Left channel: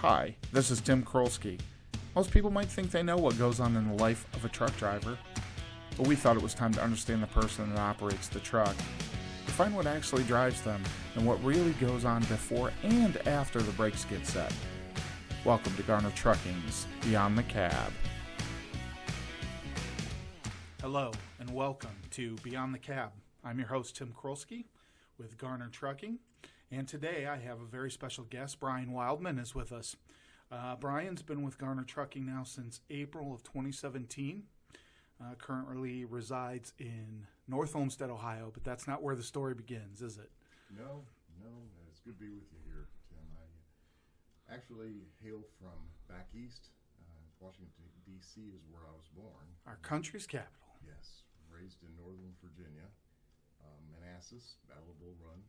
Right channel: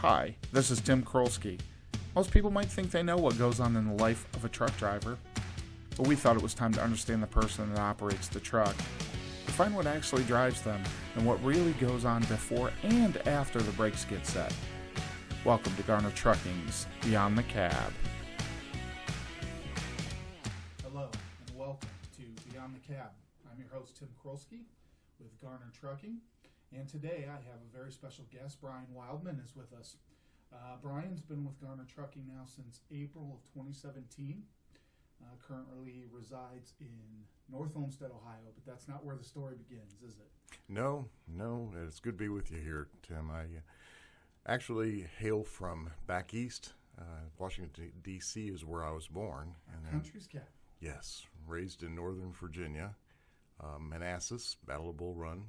Hi, this is Tim Krolsky. Most people might think they know what goes on in the life of a truck driver, but we thought it was time to understand the person that operates the truck, to find what actually drives them and what really goes on before and after the brakes get set. Welcome to Garner Trucking's Beyond the Cab. Hello and welcome to Beyond the Cab. I'm your host Tim Krolsky with Garner Trucking, and today I have a very special guest. Brian Wildman is with us. Brian's been with Garner Trucking now since April of 2017. Currently resides in North Olmsted, Ohio, but that's not where the story begins, is it? No, it's good to be with you here, Tim. I actually hail from back east. Washington, D.C. is where I was born. Our country's capital. Yes, raised in Northern Virginia. Manassas, Battle of Bull Run,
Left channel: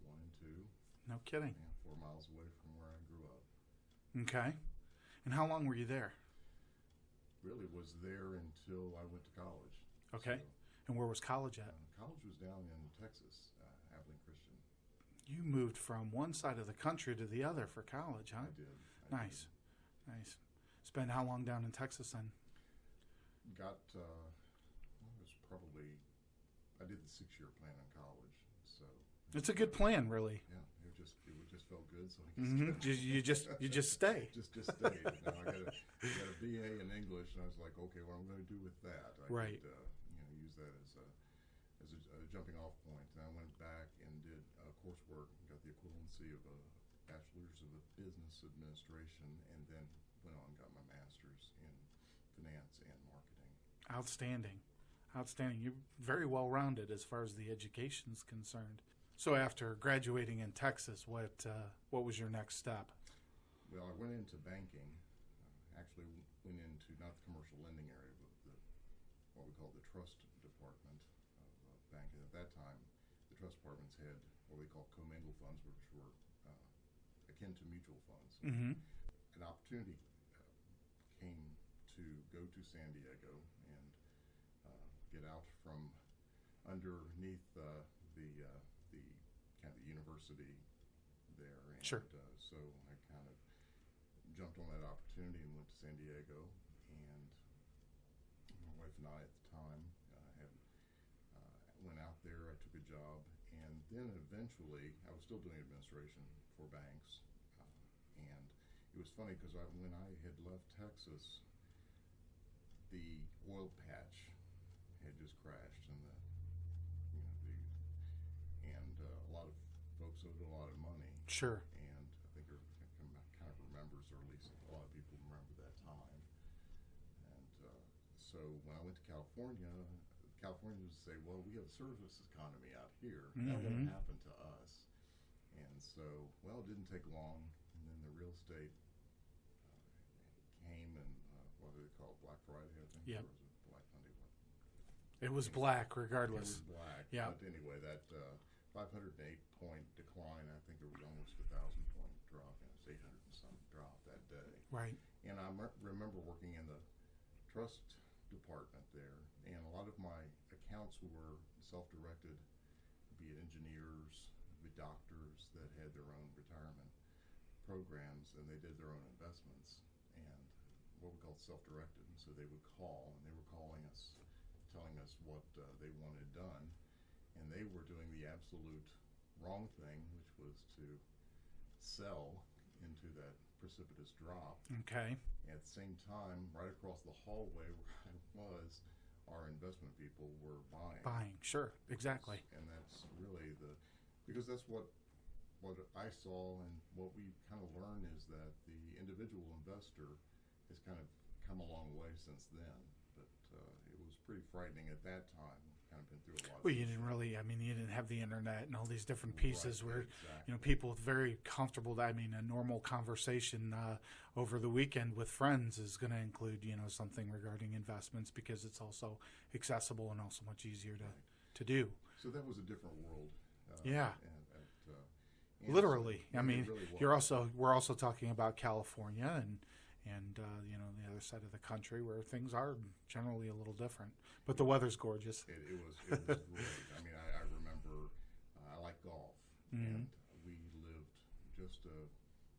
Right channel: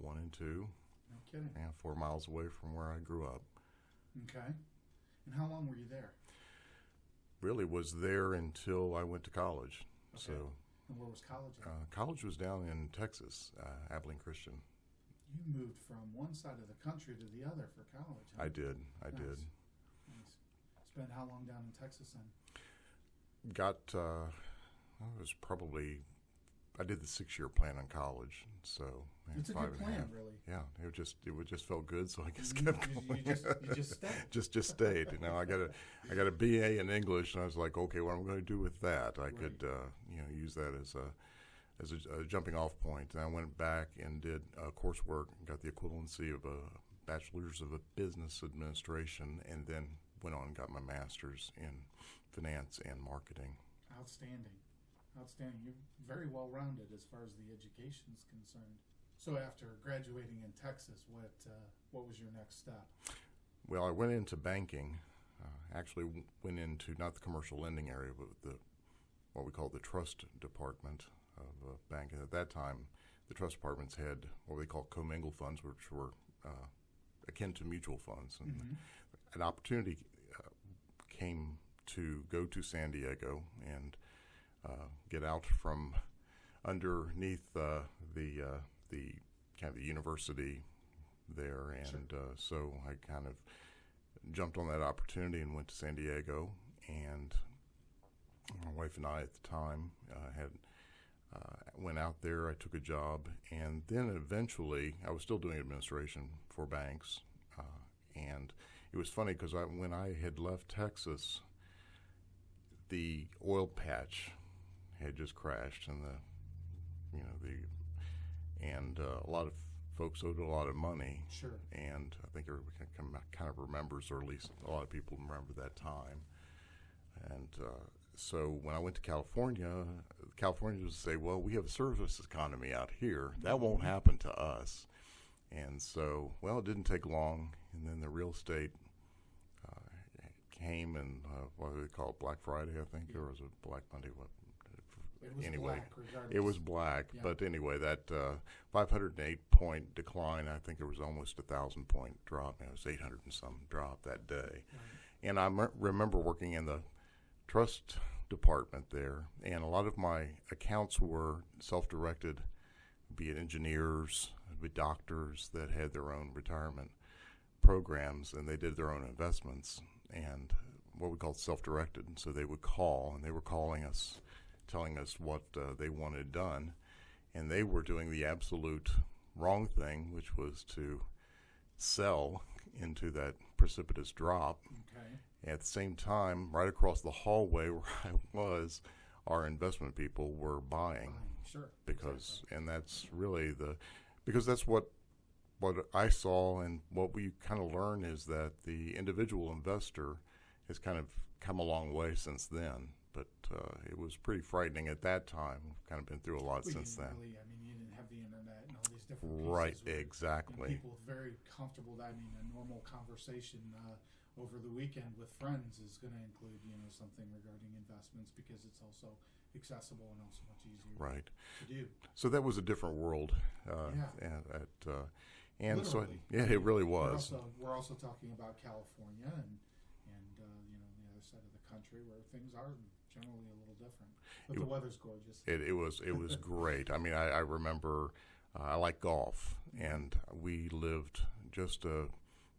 1 and 2. No kidding. Yeah, 4 miles away from where I grew up. Okay. And how long were you there? Really was there until I went to college. Okay. So, and where was college at? College was down in Texas, Abilene Christian. You moved from one side of the country to the other for college, huh? I did. Nice. Spent how long down in Texas then? I did the 6-year plan in college, so it's a good plan, really. Yeah, it just felt good, so I guess kept going. You just stayed. just stayed. You know, I got a BA in English, and I was like, okay, what am I going to do with that? I could use that as a jumping off point. And I went back and did coursework, got the equivalency of a bachelor's of business administration, and then went on and got my master's in finance and marketing. Outstanding. You're very well-rounded as far as the education is concerned. So after graduating in Texas, what was your next step? Well, I went into banking. Actually went into not the commercial lending area, but what we call the trust department of a bank. And at that time, the trust departments had what they call commingled funds, which were akin to mutual funds. And an opportunity came to go to San Diego and get out from underneath the kind of the university there, and sure. So I kind of jumped on that opportunity and went to San Diego. And my wife and I at the time went out there. I took a job, and then eventually I was still doing administration for banks, and it was funny because when I had left Texas, the oil patch had just crashed, and a lot of folks owed a lot of money. Sure. And I think everybody kind of remembers, or at least a lot of people remember that time. And so when I went to California would say, well, we have a service economy out here. That won't happen to us. And so, well, it didn't take long, and then the real estate came, and what do they call it, Black Friday, I think. Yeah. There was a Black Monday. It was black, regardless. It was black, yeah. But anyway, that 508-point decline, I think it was almost 1,000-point drop. It was 800 and some drop that day. Right. And I remember working in the trust department there, and a lot of my accounts were self-directed, be it engineers, be doctors that had their own retirement programs, and they did their own investments, and what we called self-directed. And so they would call, and they were calling us, telling us what they wanted done, and they were doing the absolute wrong thing, which was to sell into that precipitous drop. Okay. At the same time, right across the hallway where I was, our investment people were buying. Sure, exactly. Exactly. And that's really because that's what I saw, and what we kind of learn is that the individual investor has kind of come a long way since then. But it was pretty frightening at that time. We've kind of been through a lot since then. You didn't have the internet and all these different pieces. Right, where, exactly. People very comfortable. A normal conversation over the weekend with friends is going to include, something regarding investments, because it's also accessible and also much easier to do. So that was a different world. And literally. So, it really was. We're also talking about California and the other side of the country, where things are generally a little different. But the weather's gorgeous. It was great. I remember I like golf, and we lived just a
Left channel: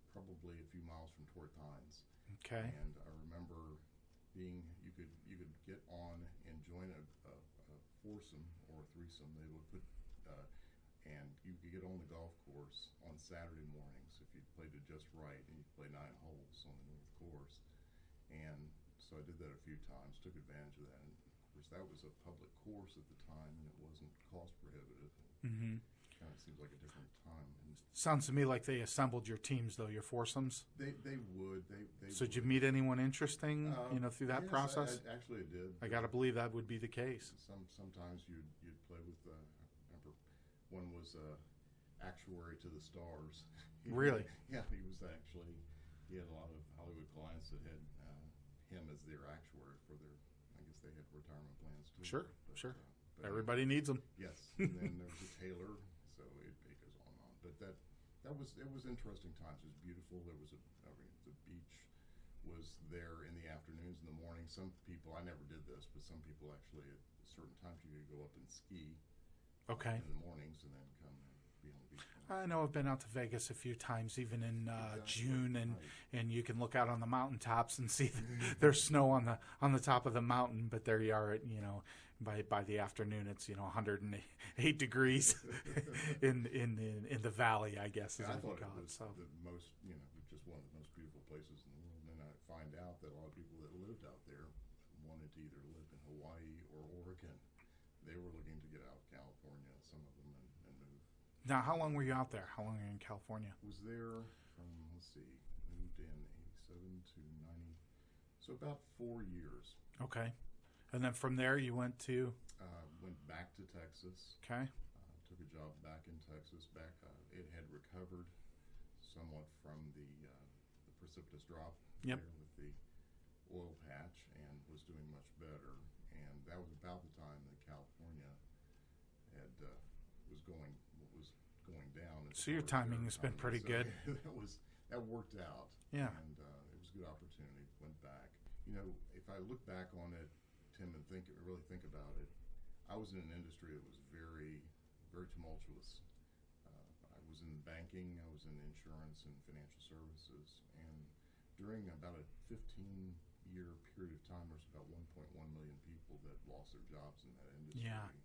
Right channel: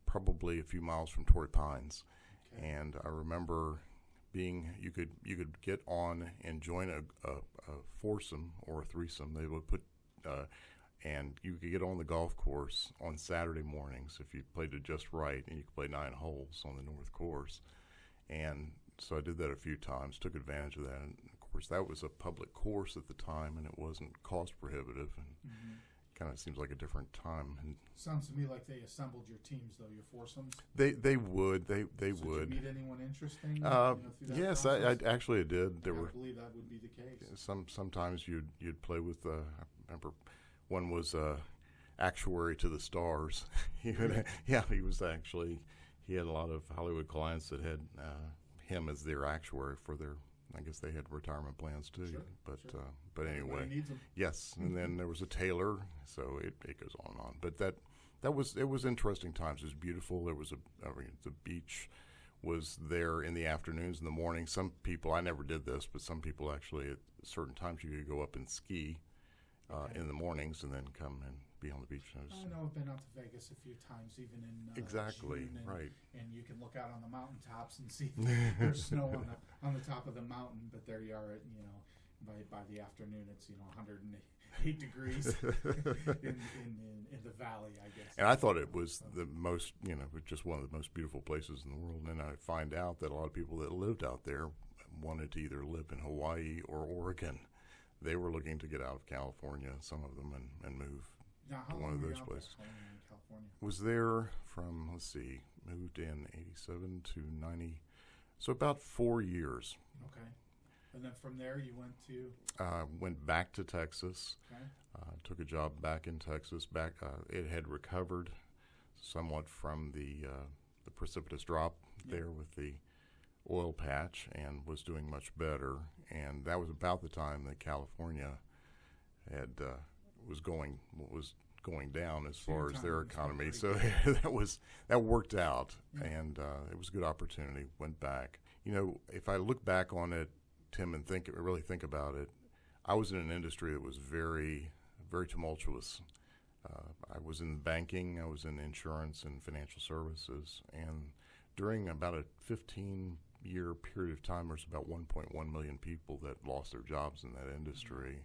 probably a few miles from Torrey Pines. Okay. And I remember you could get on and join a foursome or a threesome. They would put and you could get on the golf course on Saturday mornings if you played it just right, and you could play 9 holes on the North Course. And so I did that a few times, took advantage of that. And of course, that was a public course at the time, and it wasn't cost prohibitive. And kind of seems like a different time. And sounds to me like they assembled your teams, though, your foursomes. They would. They so would. Did you meet anyone interesting through that yes, process? I actually did. I got to believe that would be the case. Sometimes you'd play with, I remember one was actuary to the stars. Really? Yeah, he had a lot of Hollywood clients that had him as their actuary for their, I guess they had retirement plans too. Sure, but sure. But everybody anyway, needs them. Yes, and then there was a tailor, so it goes on and on. But it was interesting times. It was beautiful. There was the beach was there in the afternoons and the mornings. Some people, I never did this, but some people actually at certain times you could go up and ski in the mornings and then come and be on the beach. I know I've been out to Vegas a few times, even in exactly, June, and right. and you can look out on the mountaintops and see there's snow on the top of the mountain, but there you are at, by the afternoon it's 108 degrees in the valley, I guess. And I thought it was the most, just one of the most beautiful places in the world. And I find out that a lot of people that lived out there wanted to either live in Hawaii or Oregon. They were looking to get out of California, some of them, and move. Now, how long were you out there? How long were you in California? Was there from, moved in 87 to 90, so about 4 years. Okay. And then from there you went to? Went back to Texas. Okay. Took a job back in Texas. It had recovered somewhat from the precipitous drop there with the oil patch, and was doing much better. And that was about the time that California had was going down as far as their economy. So that worked out, and it was a good opportunity. Went back. If I look back on it, Tim, and really think about it, I was in an industry that was very, very tumultuous. I was in banking, I was in insurance and financial services, and during about a 15-year period of time, there's about 1.1 million people that lost their jobs in that industry.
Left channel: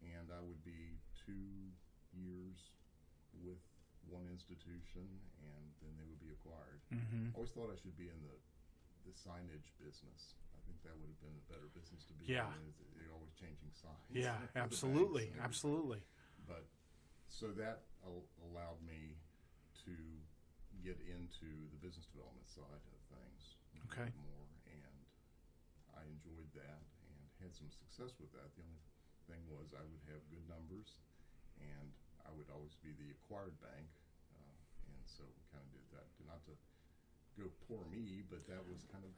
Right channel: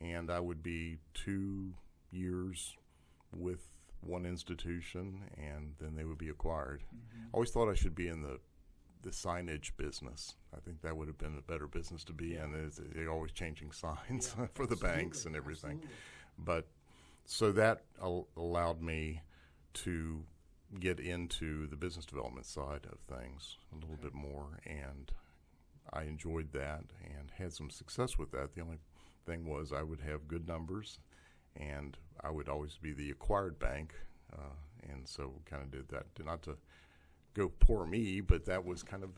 Yeah. And I would be 2 years with one institution, and then they would be acquired. I always thought I should be in the signage business. I think that would have been a better business to be in. They're always changing signs for the banks and everything. Absolutely. But so that allowed me to get into the business development side of things a little bit more, and I enjoyed that and had some success with that. The only thing was I would have good numbers, and I would always be the acquired bank, and so kind of did that. Not to go poor me, but that was kind of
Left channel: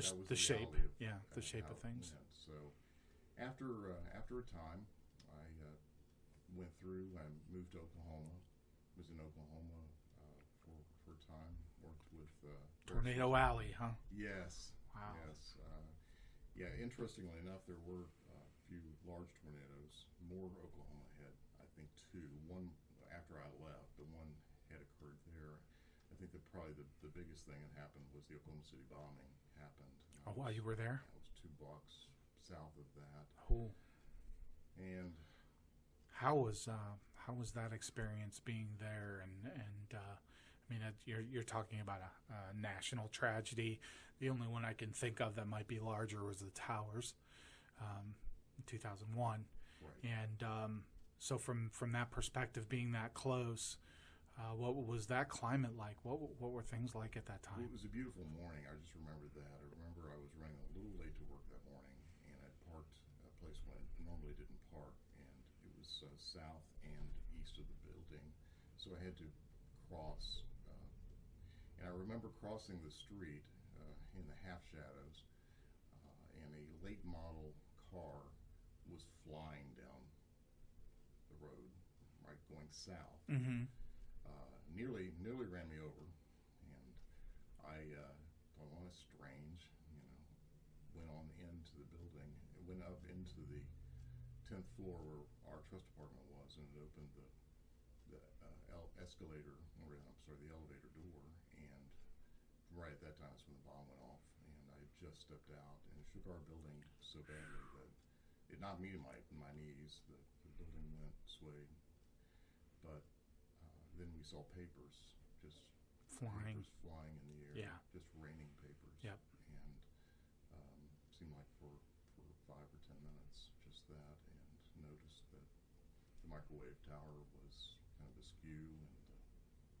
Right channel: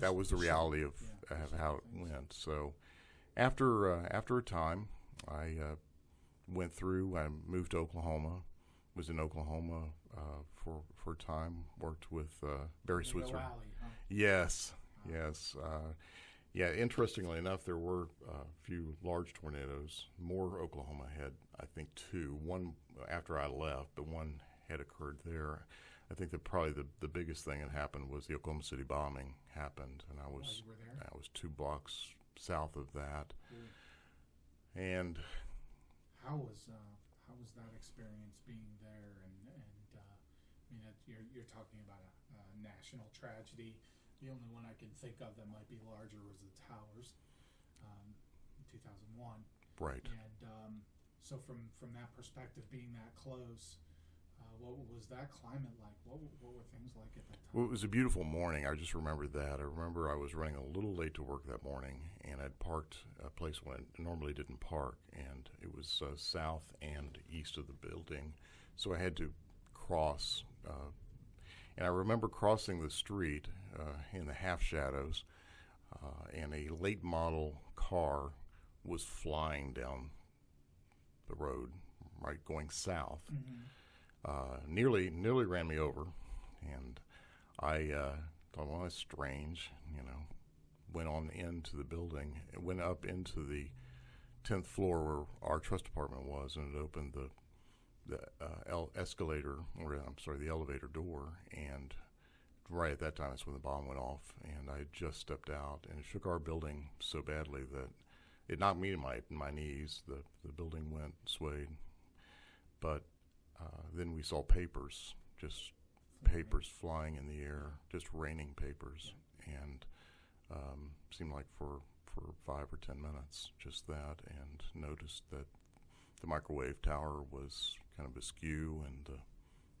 that was the reality of how it went. So after a time, I went through. I moved to Oklahoma. Was in Oklahoma for a time. Worked with Barry Switzer. Tornado Alley, huh? Yes. Wow. Yes. Interestingly enough, there were a few large tornadoes. More Oklahoma had, I think, 2. One after I left, but one had occurred there. I think that probably the biggest thing that happened was the Oklahoma City bombing happened, and you were there? I was 2 blocks south of that. Cool. And how was that experience being there? And you're talking about a national tragedy. The only one I can think of that might be larger was the towers, in 2001. Right. And so from that perspective, being that close. What was that climate like? What were things like at that time? Well, it was a beautiful morning. I just remember that. I remember I was running a little late to work that morning, and I'd parked a place where I normally didn't park, and it was south and east of the building, so I had to cross. And I remember crossing the street in the half shadows, and a late model car was flying down the road, right, going south. Mm-hmm. Nearly ran me over, and I thought, well, that's strange, went on into the building. It went up into the 10th floor where our trust department was, and it opened the elevator door, and right at that time, that's when the bomb went off, and I had just stepped out, and it shook our building so badly that it knocked me to my knees. The building swayed, but then we saw papers, just papers flying in the air, just raining papers, and seemed like for 5 or 10 minutes, just that, and noticed that the microwave tower was kind of askew, and the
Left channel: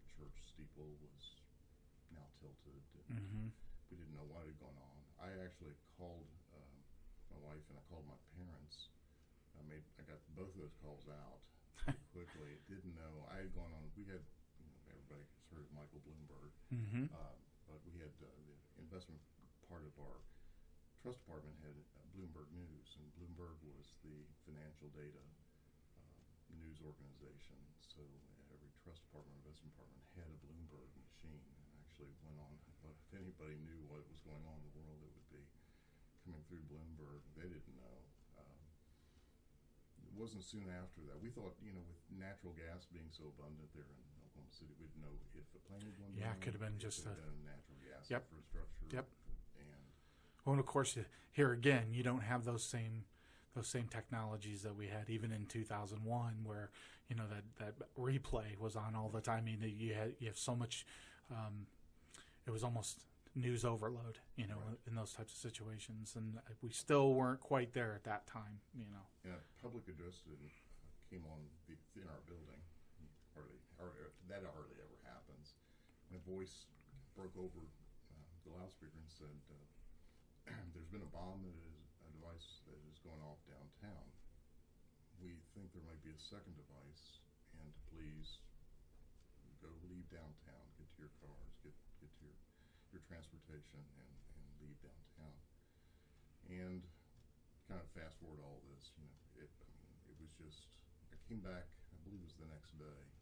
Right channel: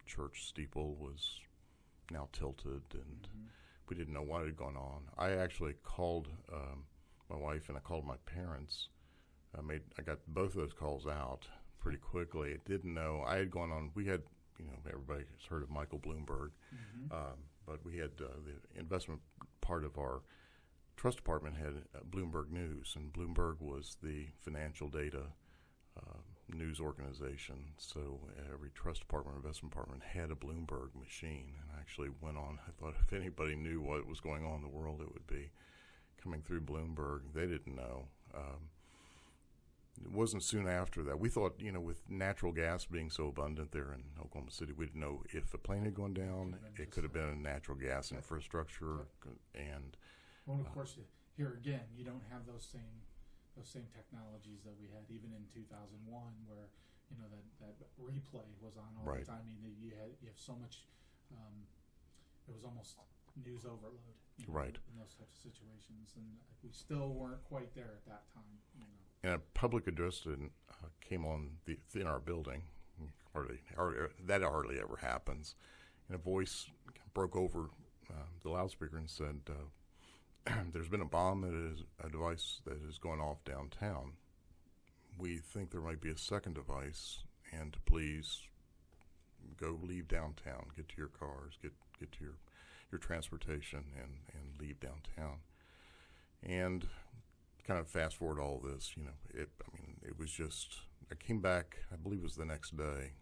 church steeple was now tilted, and we didn't know what had gone on. I actually called my wife, and I called my parents. I got both of those calls out pretty quickly. I didn't know. I had gone on. We had, everybody's heard of Michael Bloomberg, but we had the investment part of our trust department had Bloomberg News, and Bloomberg was the financial data news organization. So every trust department, investment department had a Bloomberg machine, and I actually went on. I thought if anybody knew what was going on in the world, it would be coming through Bloomberg. They didn't know. It wasn't soon after that. We thought, with natural gas being so abundant there in Oklahoma City, we didn't know if a plane had gone down. It could have been a natural gas infrastructure. And well, and of course, here again, you don't have those same technologies that we had even in 2001, where that replay was on all the time. I mean, you have so much. It was almost news overload, in those types of situations, and we still weren't quite there at that time. And a public address came on in our building. That hardly ever happens. And a voice broke over the loudspeaker and said, "There's been a bomb a device that has gone off downtown. We think there might be a second device, and to please leave downtown, get to your cars, get to your transportation, and leave downtown." And kind of fast forward all this, it was just, I came back, I believe it was the next day,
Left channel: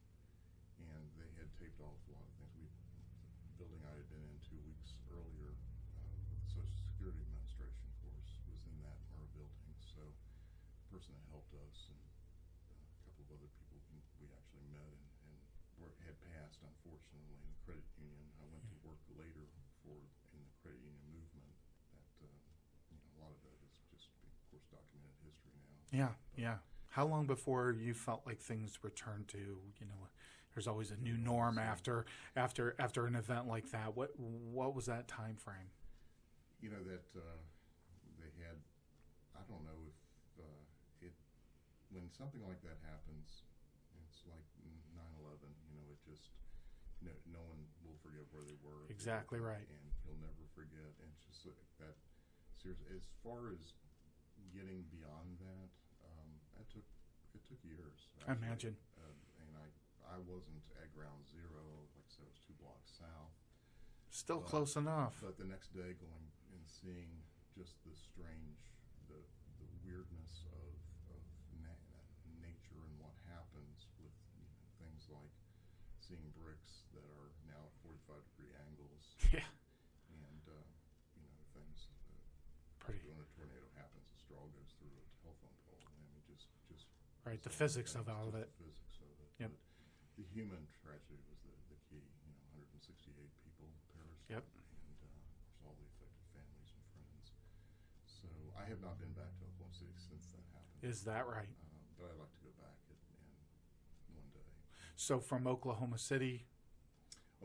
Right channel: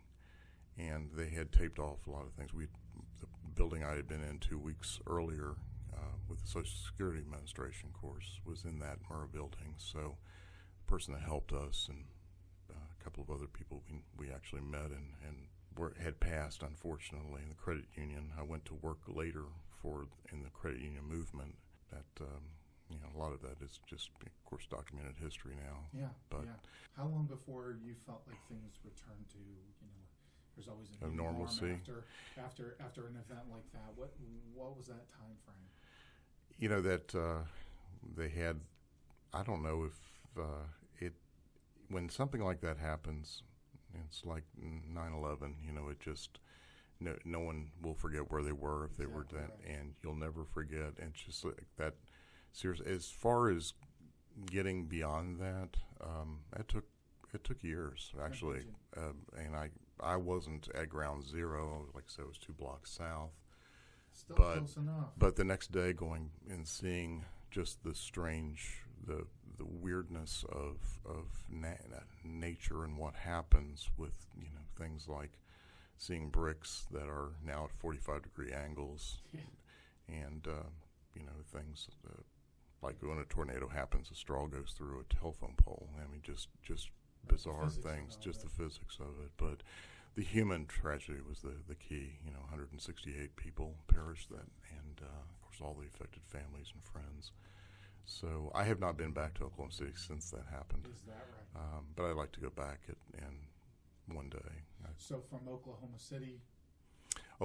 and they had taped off a lot of things. The building I had been in 2 weeks earlier with the Social Security Administration course was in that Murrah building. So the person that helped us and a couple of other people we actually met and had passed, unfortunately, in the credit union. I went to work later in the credit union movement. That a lot of that is just, of course, documented history now. Yeah. How long before you felt like things returned to, there's always a new norm after an event like that? What was that time frame? That they had, I don't know if when something like that happens, it's like 9/11, it just, no one will forget where they were if they were dead, and you'll never forget. And it's just like that. Seriously, as far as getting beyond that, it took years, actually. And I wasn't at ground zero. Like I said, it was 2 blocks south. Still close enough. But the next day, going and seeing just the strange, the weirdness of nature and what happens with things like seeing bricks that are now at 45-degree angles, and things like when a tornado happens, a straw goes through a telephone pole. I mean, just bizarre things, just the physics of it. But the human tragedy was the key. 168 people perished, and of course all the affected families and friends. So I have not been back to Oklahoma City since that happened. Is that right? But I'd like to go back and one day. So from Oklahoma City, I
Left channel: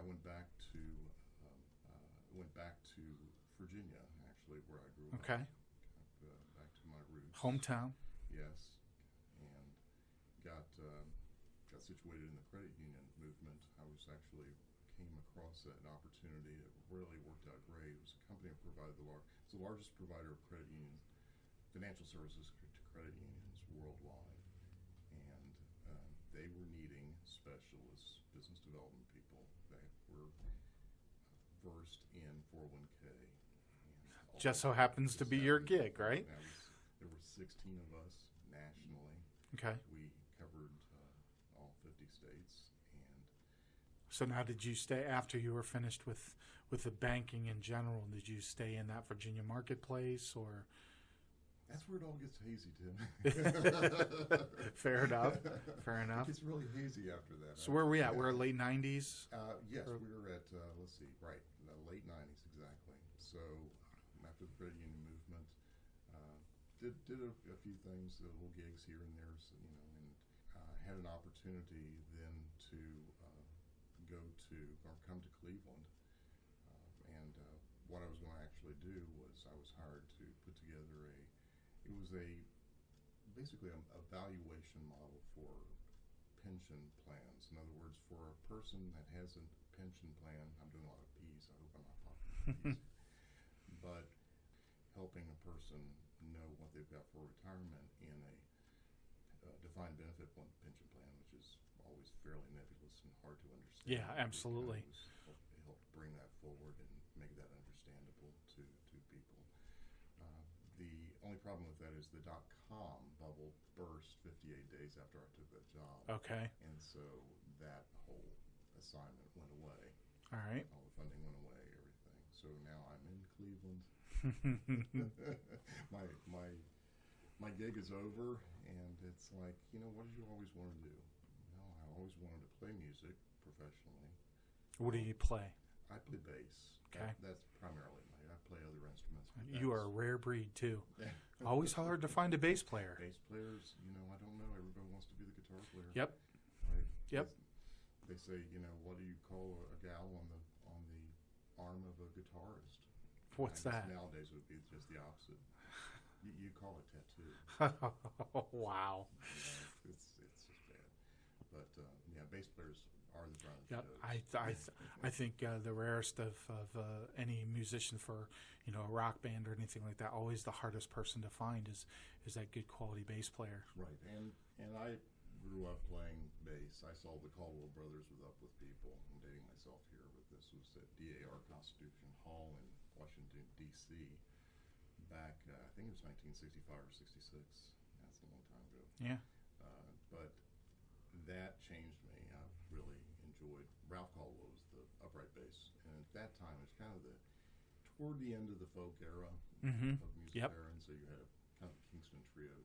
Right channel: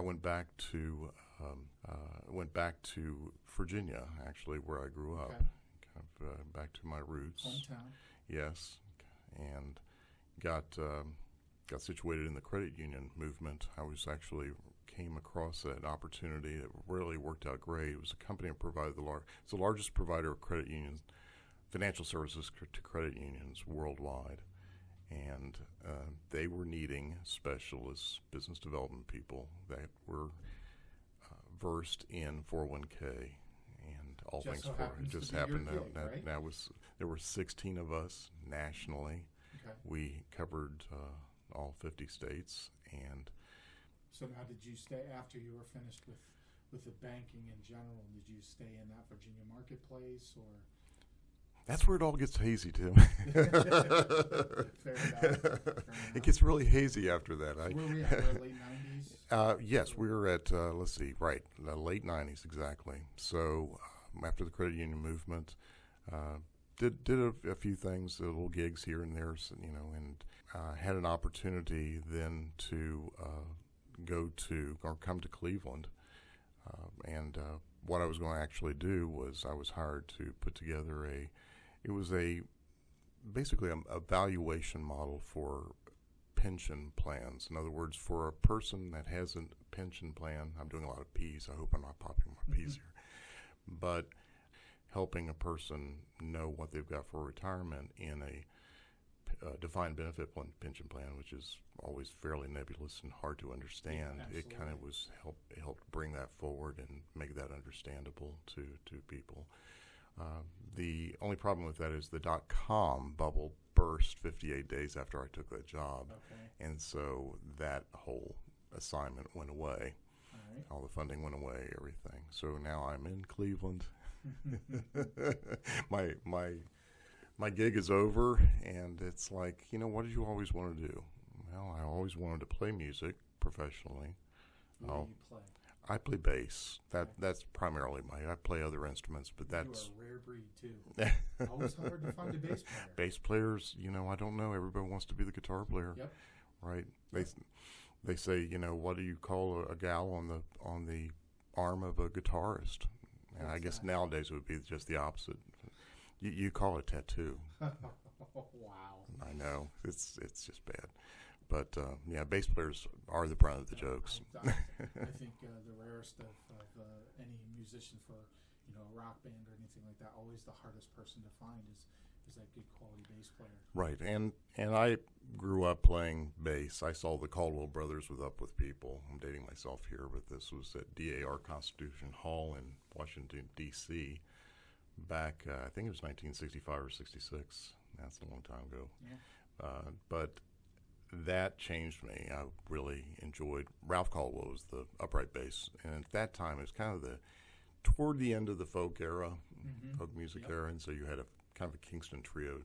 went back to Virginia, actually, where I grew up. Kind of back to my roots. Hometown. Yes, and got situated in the credit union movement. I came across an opportunity that really worked out great. It was a company that provided it's the largest provider of credit unions, financial services to credit unions worldwide, and they were needing specialists, business development people that were versed in 401k and all. Just so happens to be your gig, right? There were 16 of us nationally. Okay. We covered all 50 states, and so now, did you stay after you were finished with the banking in general? Did you stay in that Virginia marketplace, or? That's where it all gets hazy, Tim. Fair enough. Fair enough. It gets really hazy after that. So where are we at? We're late 90s? Yes, we were at, let's see, right, the late 90s exactly. So after the credit union movement, did a few things, little gigs here and there, so, and had an opportunity then to come to Cleveland. And what I was going to actually do was I was hired to put together basically a valuation model for pension plans. In other words, for a person that has a pension plan, I'm doing a lot of P's, I hope I'm not popping more P's here, but helping a person know what they've got for retirement in a defined benefit pension plan, which is always fairly nebulous and hard to understand. Yeah, absolutely. It kind of helped bring that forward and make that understandable to people. The only problem with that is the .com bubble burst 58 days after I took that job. Okay. And so that whole assignment went away. All right. All the funding went away, everything. So now I'm in Cleveland. My gig is over, and it's like, what did you always want to do? Well, I always wanted to play music professionally. What do you play? I play bass. Okay. That's primarily I play other instruments, but that's... You are a rare breed, too. Always hard to find a bass player. Bass players, I don't know. Everybody wants to be the guitar player. Yep. Right? Yep. They say, what do you call a gal on the arm of a guitarist? What's I guess that? nowadays it would be just the opposite. You call it tattoo. Wow. I know. It's just bad. But, bass players are the brunt of the jokes. I think the rarest of any musician for, a rock band or anything like that, always the hardest person to find is that good quality bass player. Right. And I grew up playing bass. I saw the Caldwell Brothers with Up With People. I'm dating myself here, but this was at DAR Constitution Hall in Washington, D.C., back, I think it was 1965 or 66. That's a long time ago. Yeah. But that changed me. I really enjoyed. Ralph Caldwell was the upright bass, and at that time it was kind of toward the end of the folk era, folk music era, and so you had a kind of a Kingston trio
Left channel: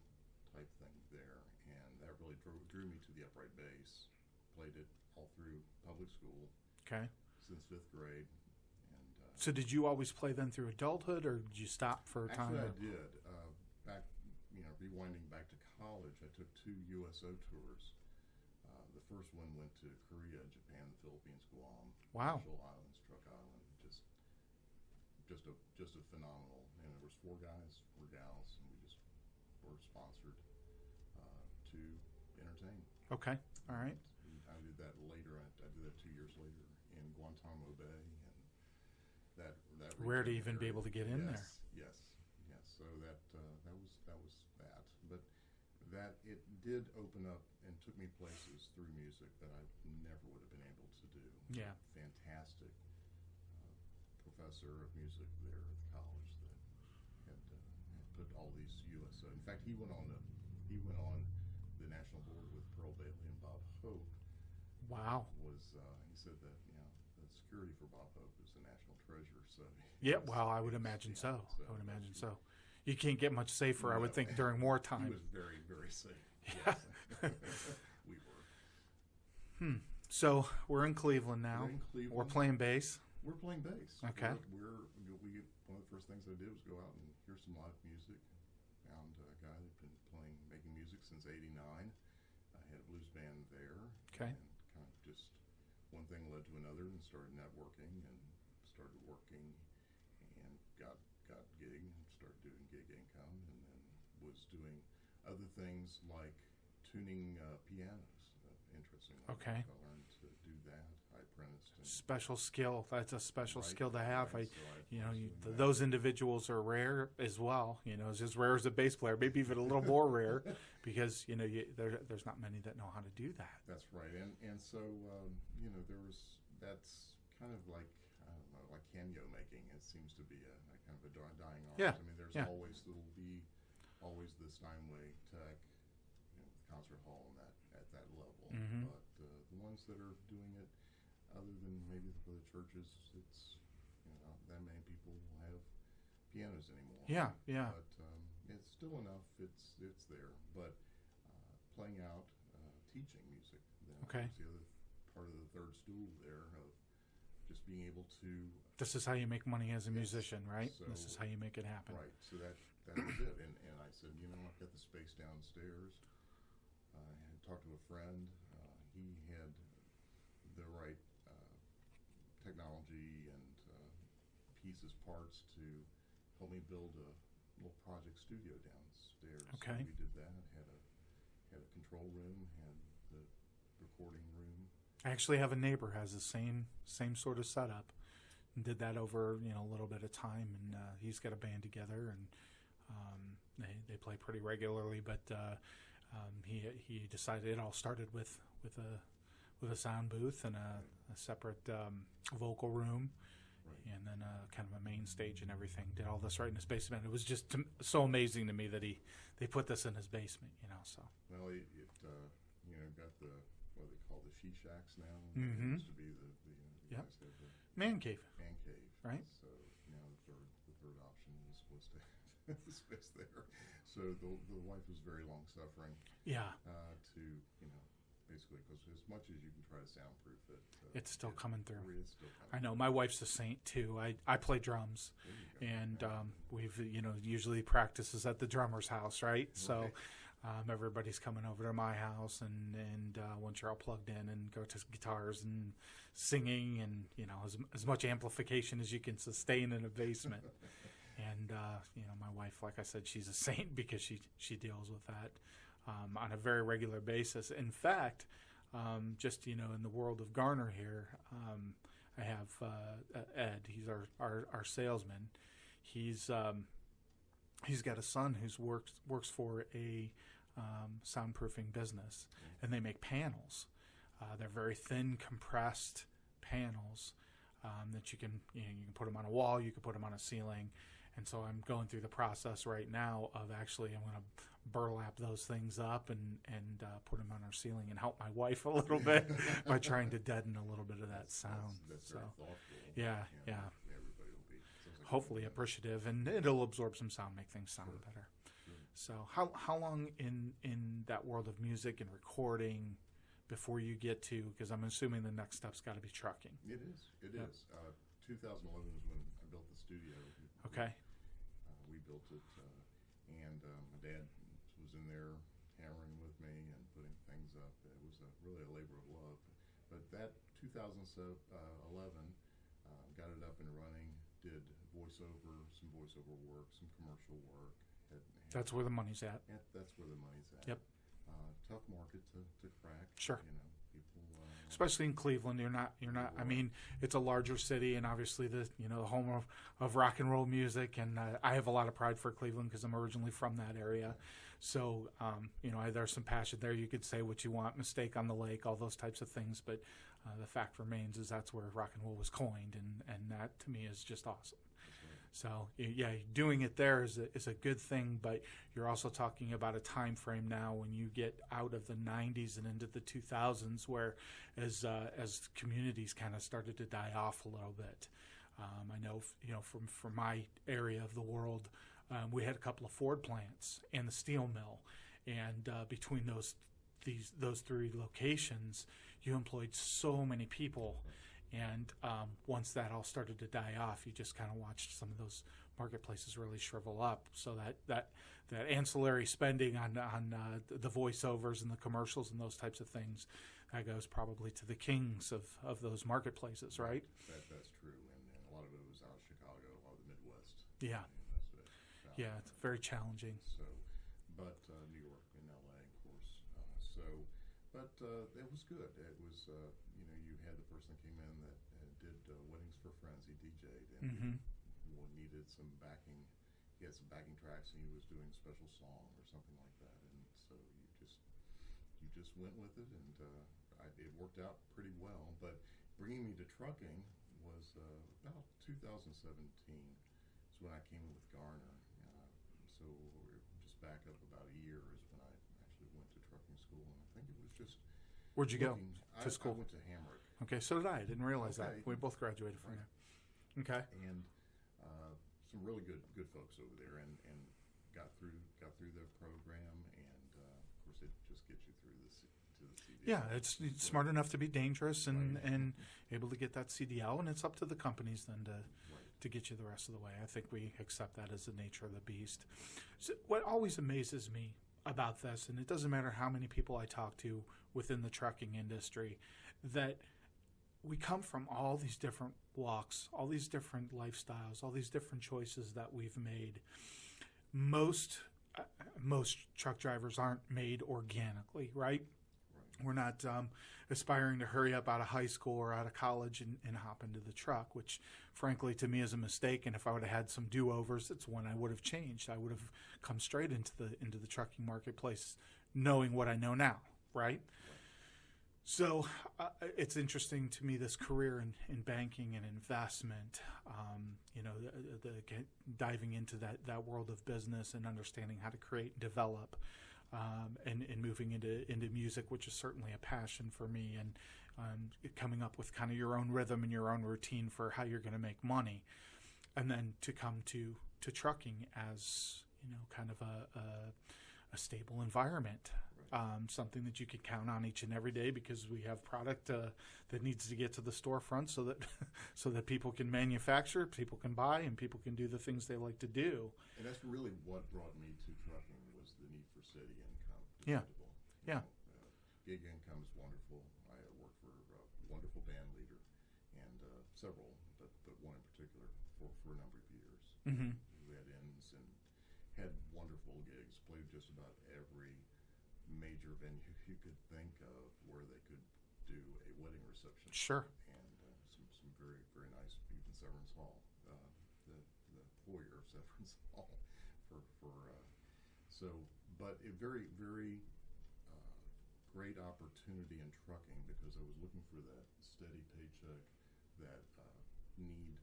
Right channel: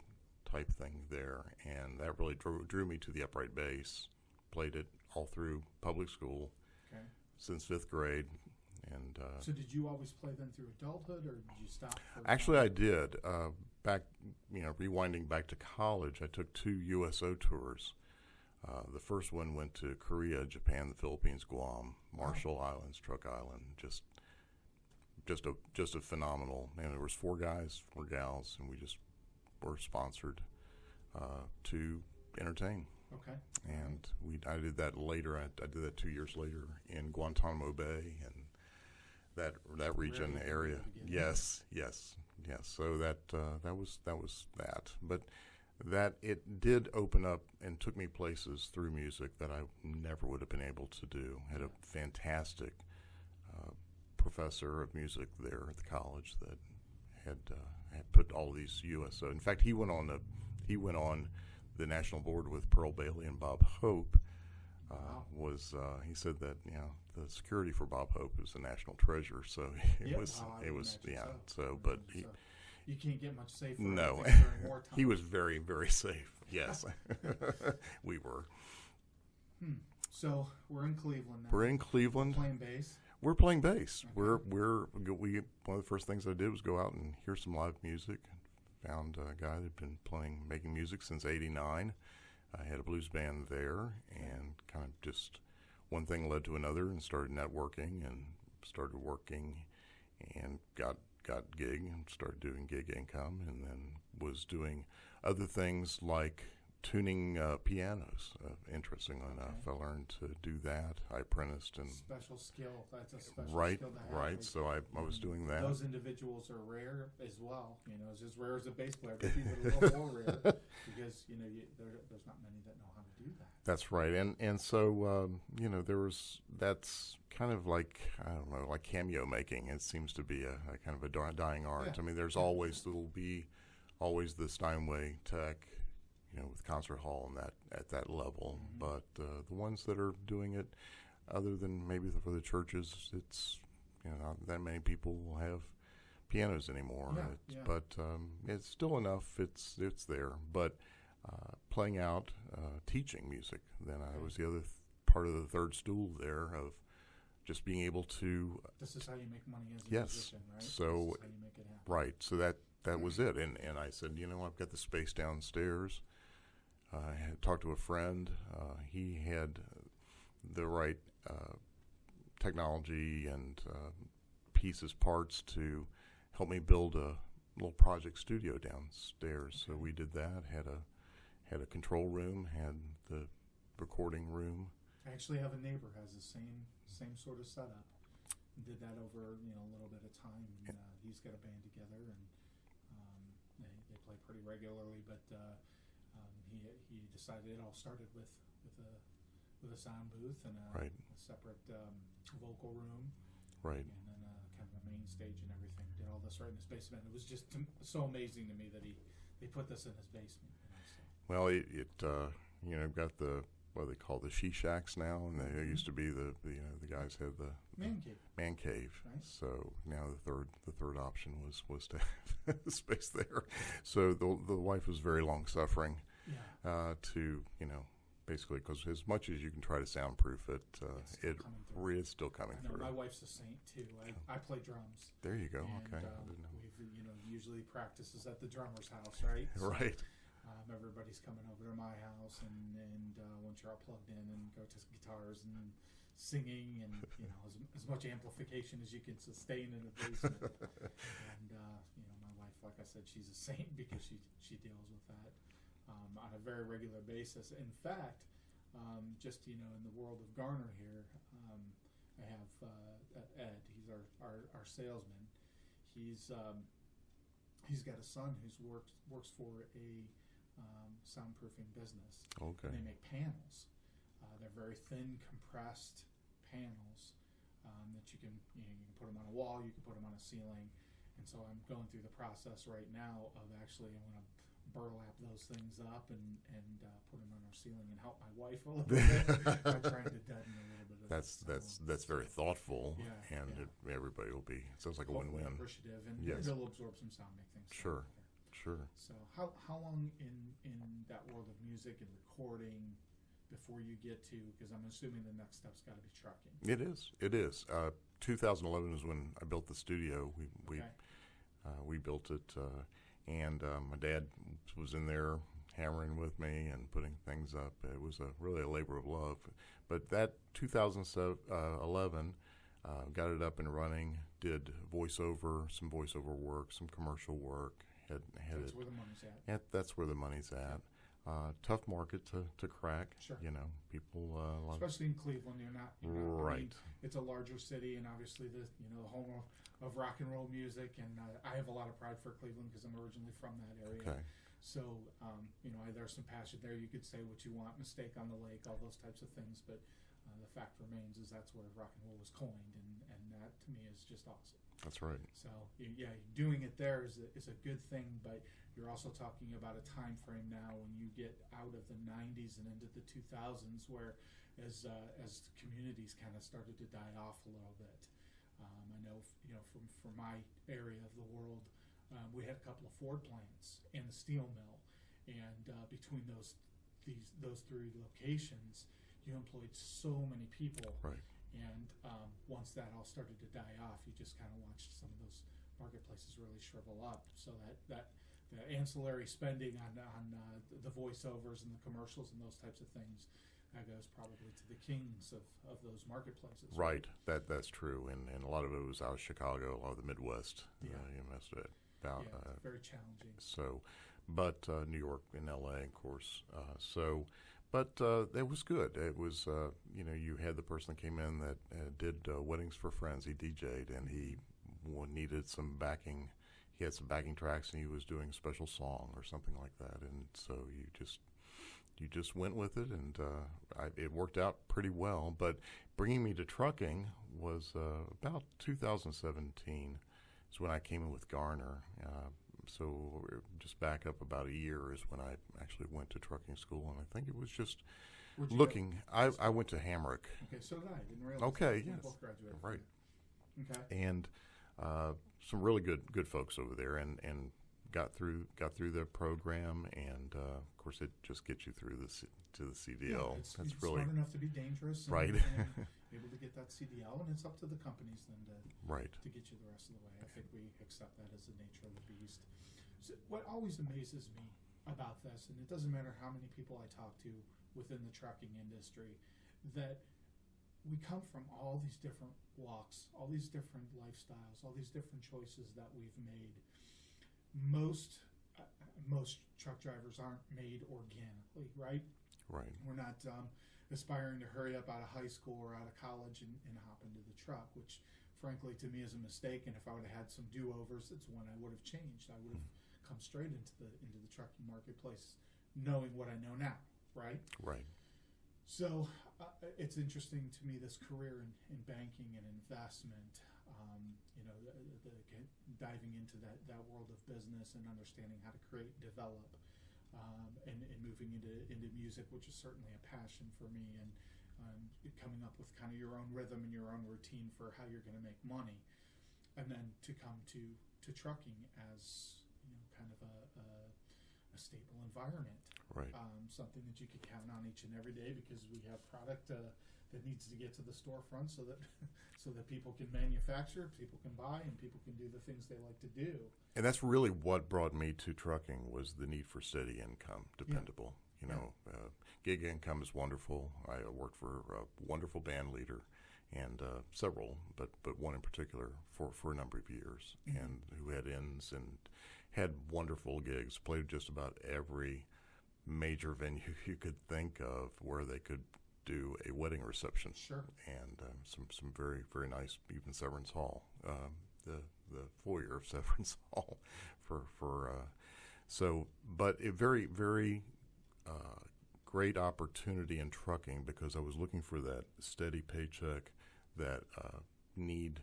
type thing there, and that really drew me to the upright bass. Played it all through public school. Okay. Since 5th grade. And so did you always play then through adulthood, or did you stop for a actually time? I did. Back, rewinding back to college, I took 2 USO tours. The first one went to Korea, Japan, the Philippines, Guam, Marshall Islands, Truk Island. Just a phenomenal. And there was 4 guys, 4 gals, and we just were sponsored to entertain. Okay. All right. I did that later. I did that 2 years later in Guantanamo Bay and that region area. Be able to get in yes. So that was that. But that it did open up and took me places through music that I never would have been able to do. Had a fantastic professor of music there at the college that had put all these USO. In fact, he went on the national board with Pearl Bailey and Bob Hope. Wow. He said that the security for Bob Hope is a national treasure. So I would imagine so. You can't get much safer, I would think, during wartime. He was very, very safe. Yes, we were. So we're in Cleveland now. We're in Cleveland. We're playing bass. We're playing bass. Okay. We one of the first things I did was go out and hear some live music. Found a guy that had been making music since '89. I had a blues band there, and kind of just one thing led to another, and started networking and started working, and got gig and started doing gig income, and then was doing other things like tuning pianos. Interestingly enough, I learned to do that. I apprenticed and special skill. That's a special skill to have. Right. So I was doing that. Those individuals are rare as well. It's as rare as a bass player, maybe even a little more rare, because there's not many that know how to do that. That's right. And so that's kind of like, I don't know, like cameo making. It seems to be a kind of a dying art. Yeah. I mean, there'll be always the Steinway Tech, with concert hall and that at that level. But the ones that are doing it, other than maybe for the churches, it's not that many people will have pianos anymore. Yeah, yeah. But it's still enough. It's there. But playing out, teaching music. Then I was the other part of the third stool there of just being able to. This is how you make money as a musician, right? So this is how you make it happen. Right. So that was it. And I said, I've got the space downstairs. I had talked to a friend. He had the right technology and parts to help me build a little project studio downstairs. So we did that. Had a control room. Had the recording room. I actually have a neighbor who has the same sort of setup, and did that over a little bit of time. And he's got a band together, and they play pretty regularly. But he decided it all started with a sound booth and a separate vocal room. Right. And then kind of a main stage and everything. Did all this right in his basement. It was just so amazing to me that they put this in his basement. So. Well, it got the what they call the she shacks now, and they used to be the guys had the man cave. Man cave. Right. So now the third option was to have the space there. So the wife was very long suffering. Yeah. To basically, because as much as you can try to soundproof it, it's still coming through. It's still coming. I know. Through. My wife's a saint too. I play drums. There you go. And okay. we've usually practices at the drummer's house, right? Right. So everybody's coming over to my house, and once you're all plugged in, and go to guitars and singing, and as much amplification as you can sustain in a basement. And my wife, like I said, she's a saint because she deals with that. On a very regular basis. In fact, just in the world of Garner here, I have Ed. He's our salesman. He's got a son who's works for a soundproofing business, and they make panels. They're very thin, compressed panels that you can put them on a wall, you can put them on a ceiling, and so I'm going through the process right now of actually I'm going to burlap those things up and put them on our ceiling and help my wife a little bit by trying to deaden a little bit of that sound. That's very thoughtful. Yeah, and everybody will be sounds like hopefully a win-win. Appreciative, and it'll absorb some sound, make things sound better. Sure. So how long in that world of music and recording before you get to, because I'm assuming the next step's got to be trucking. It is. 2011 is when I built the studio. We built it, and my dad was in there hammering with me and putting things up. It was really a labor of love. But that 2011, got it up and running, did some voiceover work, some commercial work. That's where the money's at. That's where the money's at. Yep. Tough market to crack. Sure. People especially in Cleveland, you're not. Right. I mean, it's a larger city, and obviously the home of rock and roll music. And I have a lot of pride for Cleveland because I'm originally from that area. Okay. So there's some passion there. You could say what you want, mistake on the lake, all those types of things. But the fact remains is that's where rock and roll was coined, and that to me is just awesome. That's right. So doing it there is a good thing, but you're also talking about a time frame now when you get out of the 90s and into the 2000s, where as communities kind of started to die off a little bit. I know from my area of the world, we had a couple of Ford plants and the steel mill, and between those three locations, you employed so many people. Right. And once that all started to die off, you just kind of watched some of those marketplaces really shrivel up. So that ancillary spending on the voiceovers and the commercials and those types of things, that goes probably to the kings of those marketplaces. Right. That's true. And a lot of it was out of Chicago, a lot of the Midwest. Yeah. Most of it. It's very challenging. So, but New York and L.A., of course. But it was good. It was, you had the person that came in that did weddings for friends. He DJ'd, and he needed some backing. He had some backing tracks, and he was doing a special song or something like that. And so you just went with it, and it worked out pretty well. But bringing me to trucking was about 2017 is when I came in with Garner. So just back up about a year is when I actually went to trucking school, and I think it was just Where'd you looking. Go? I went to Hamrick. Okay, so did I. I didn't realize that. We both graduated from right. there. Okay. And some really good folks over there, and got through their program, and of course it just gets you through to the CDL. Yeah, it's really smart enough to be dangerous and, Right. and able to get that CDL, and it's up to the companies then right. to get you the rest of the way. I think we accept that as the nature of the beast. So what always amazes me about this, and it doesn't matter how many people I talk to within the trucking industry, that we come from all these different walks, all these different lifestyles, all these different choices that we've made. Most truck drivers aren't made organically, right? Right. We're not aspiring to hurry up out of high school or out of college and hop into the truck, which frankly to me is a mistake. And if I would have had some do-overs, it's when I would have changed. I would have come straight into the trucking marketplace knowing what I know now, right? Right. So it's interesting to me, this career in banking and investment, diving into that world of business and understanding how to create and develop, and moving into music, which is certainly a passion for me, and coming up with kind of your own rhythm and your own routine for how you're going to make money, and then to come to trucking as kind of a stable environment, Right. Something that you could count on each and every day, because we have product that needs to get to the storefront so that people can manufacture, people can buy, and people can do the things they like to do. And that's really what brought me to trucking, was the need for steady income, dependable. Gig income is wonderful. I worked for a wonderful band leader, and several, but one in particular for a number of years, Mm-hmm. and who had ends and had wonderful gigs, played just about every major venue you could think of where they could do a wedding reception. Sure. And some very, very nice, even Severance Hall, the foyer of Severance Hall but a very, very great opportunity in trucking, because I was looking for that steady paycheck, that need.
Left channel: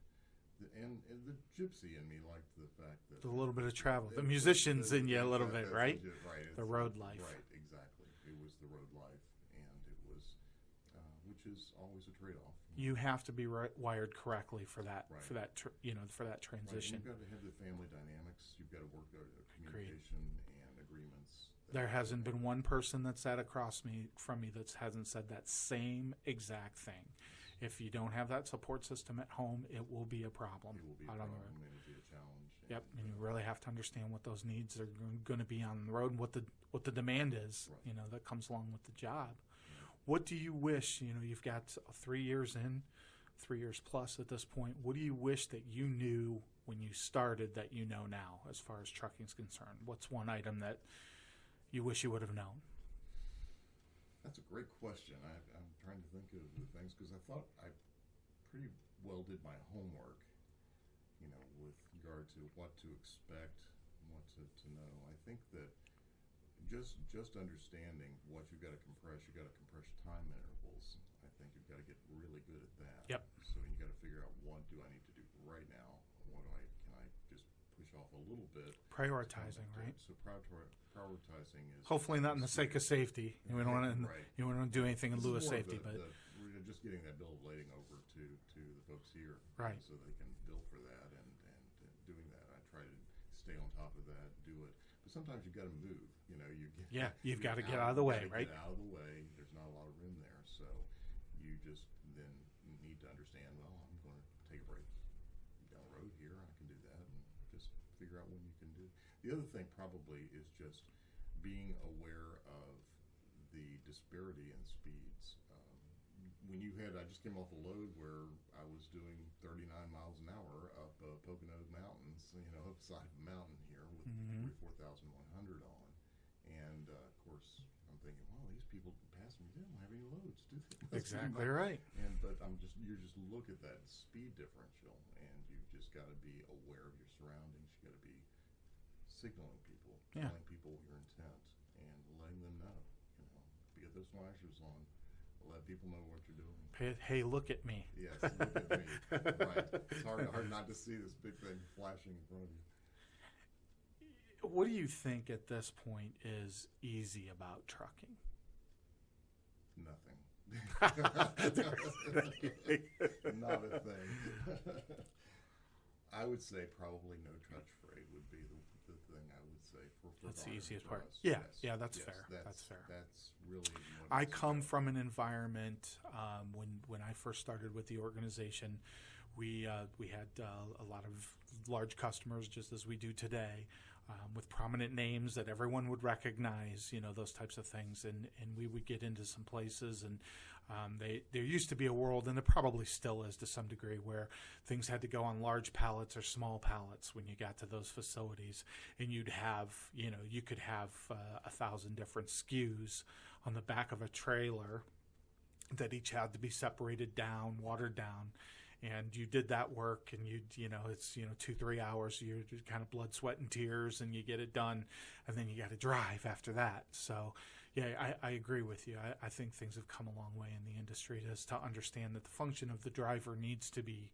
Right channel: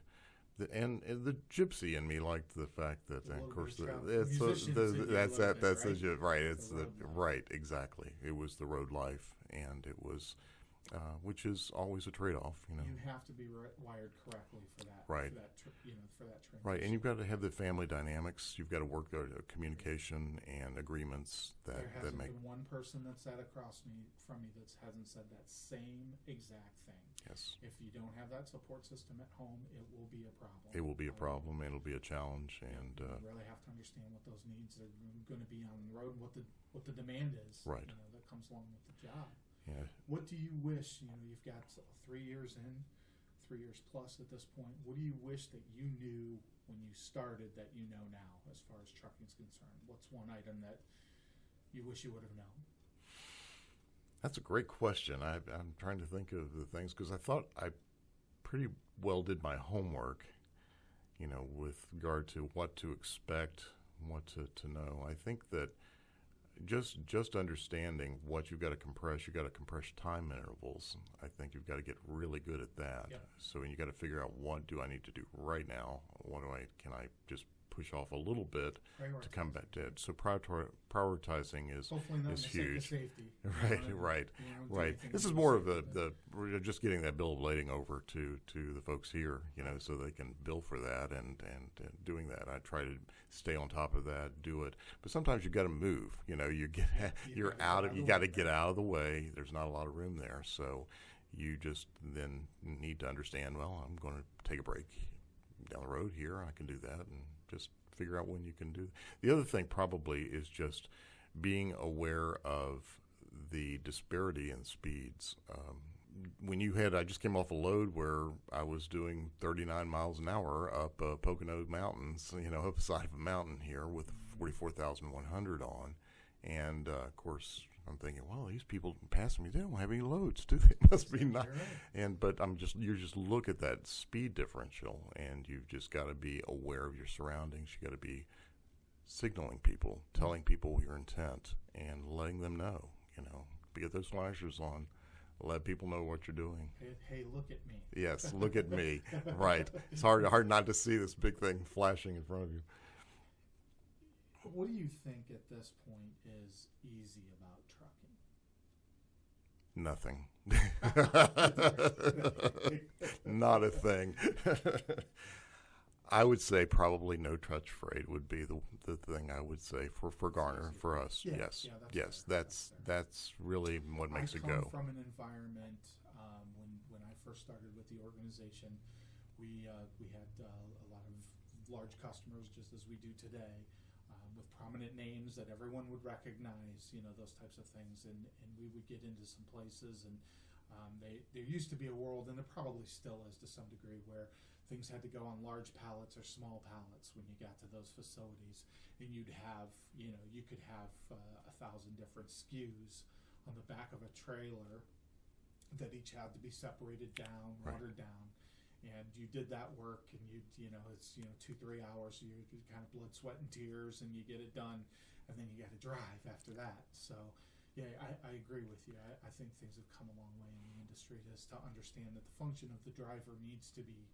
And the gypsy in me liked the fact that A little bit of travel. The musicians in you a little bit, right? Right. It's the road life. Right, exactly. It was the road life, and it was, which is always a trade-off. You have to be wired correctly for that. Right. For that transition. Right, and you've got to have the family dynamics. You've got to work out communication and agreements. There hasn't been one person that's sat across from me that hasn't said that same exact thing. Yes. If you don't have that support system at home, it will be a problem. It will be a problem, and it'll be a challenge. Yep. And you really have to understand what those needs are going to be on the road, and what the demand is. Right. That comes along with the job. Yeah. What do you wish? You've got 3 years in, 3 years plus at this point. What do you wish that you knew when you started that you know now, as far as trucking is concerned? What's one item that you wish you would have known? That's a great question. I'm trying to think of the things, because I thought I pretty well did my homework, with regard to what to expect, what to know. I think that just understanding what you've got to compress, you've got to compress time intervals. I think you've got to get really good at that. Yep. So you got to figure out, what do I need to do right now? Can I just push off a little bit to come back to it? So prioritizing is hopefully not in the sake of safety. Right. You want to do anything. This is more of we're just getting that bill of lading over to the folks here, right. So they can bill for that, and doing that. I try to stay on top of that, do it. But sometimes you've got to move. You're out of get out of the way. There's not a lot of room there, so you just then need to understand. Well, I'm going to take a break down the road here. I can do that, and just figure out when you can do. The other thing probably is just being aware of the disparity in speeds. I just came off a load where I was doing 39 miles an hour up Pocono Mountains, up the side of a mountain here with 44,100 on. And, of course, I'm thinking, well, these people passing me, they don't have any loads, do they? Must be not. Right. But you just look at that speed differential, and you've just got to be aware of your surroundings. You got to be signaling people, telling people your intent, and letting them know, get those flashers on. Let people know what you're doing. Hey, look at me. Yes, look at me. Right. It's hard not to see this big thing flashing in front of you. What do you think at this point is easy about trucking? Nothing. Not a thing. I would say probably no touch freight would be the thing I would say for Garner, for us. Yeah, yes, yeah, that's yes, fair. that's really what I makes it come go. from an environment when I first started with the organization, we had a lot of large customers, just as we do today, with prominent names that everyone would recognize, those types of things, and we would get into some places, and there used to be a world, and there probably still is to some degree, where things had to go on large pallets or small pallets when you got to those facilities, and you could have 1,000 different SKUs on the back of a trailer that each had to be separated down, watered down. And you did that work, and it's 2-3 hours. You're kind of blood, sweat, and tears, and you get it done, and then you got to drive after that. So, yeah, I agree with you. I think things have come a long way in the industry to understand that the function of the driver needs to be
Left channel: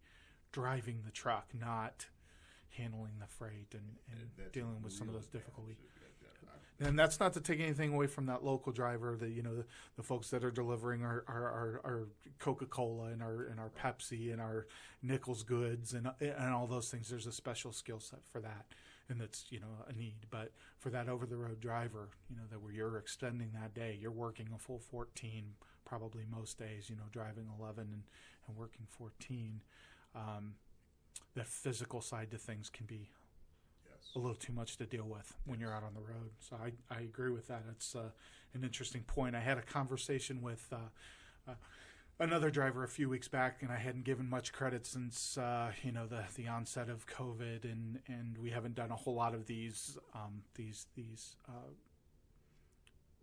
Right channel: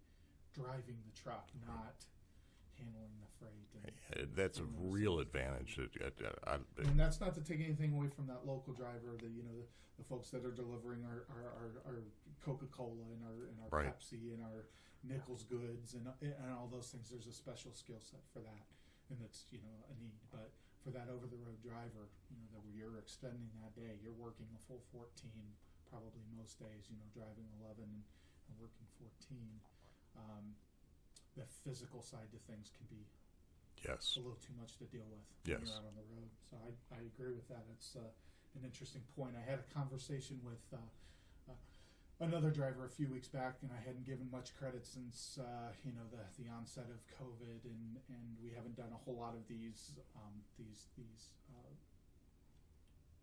driving the truck, not handling the freight. And that's a real advantage. And that's not to take anything away from that local driver. The folks that are delivering our Coca-Cola and our right. Pepsi and our Nichols goods and all those things. There's a special skill set for that, and that's a need. But for that over-the-road driver, that where you're extending that day, you're working a full 14, probably most days. Driving 11 and working 14. The physical side to things can be a little too much to deal with when you're out on the road. So I agree with that. It's an interesting point. I had a conversation with another driver a few weeks back, and I hadn't given much credit since the onset of COVID, and we haven't done a whole lot of these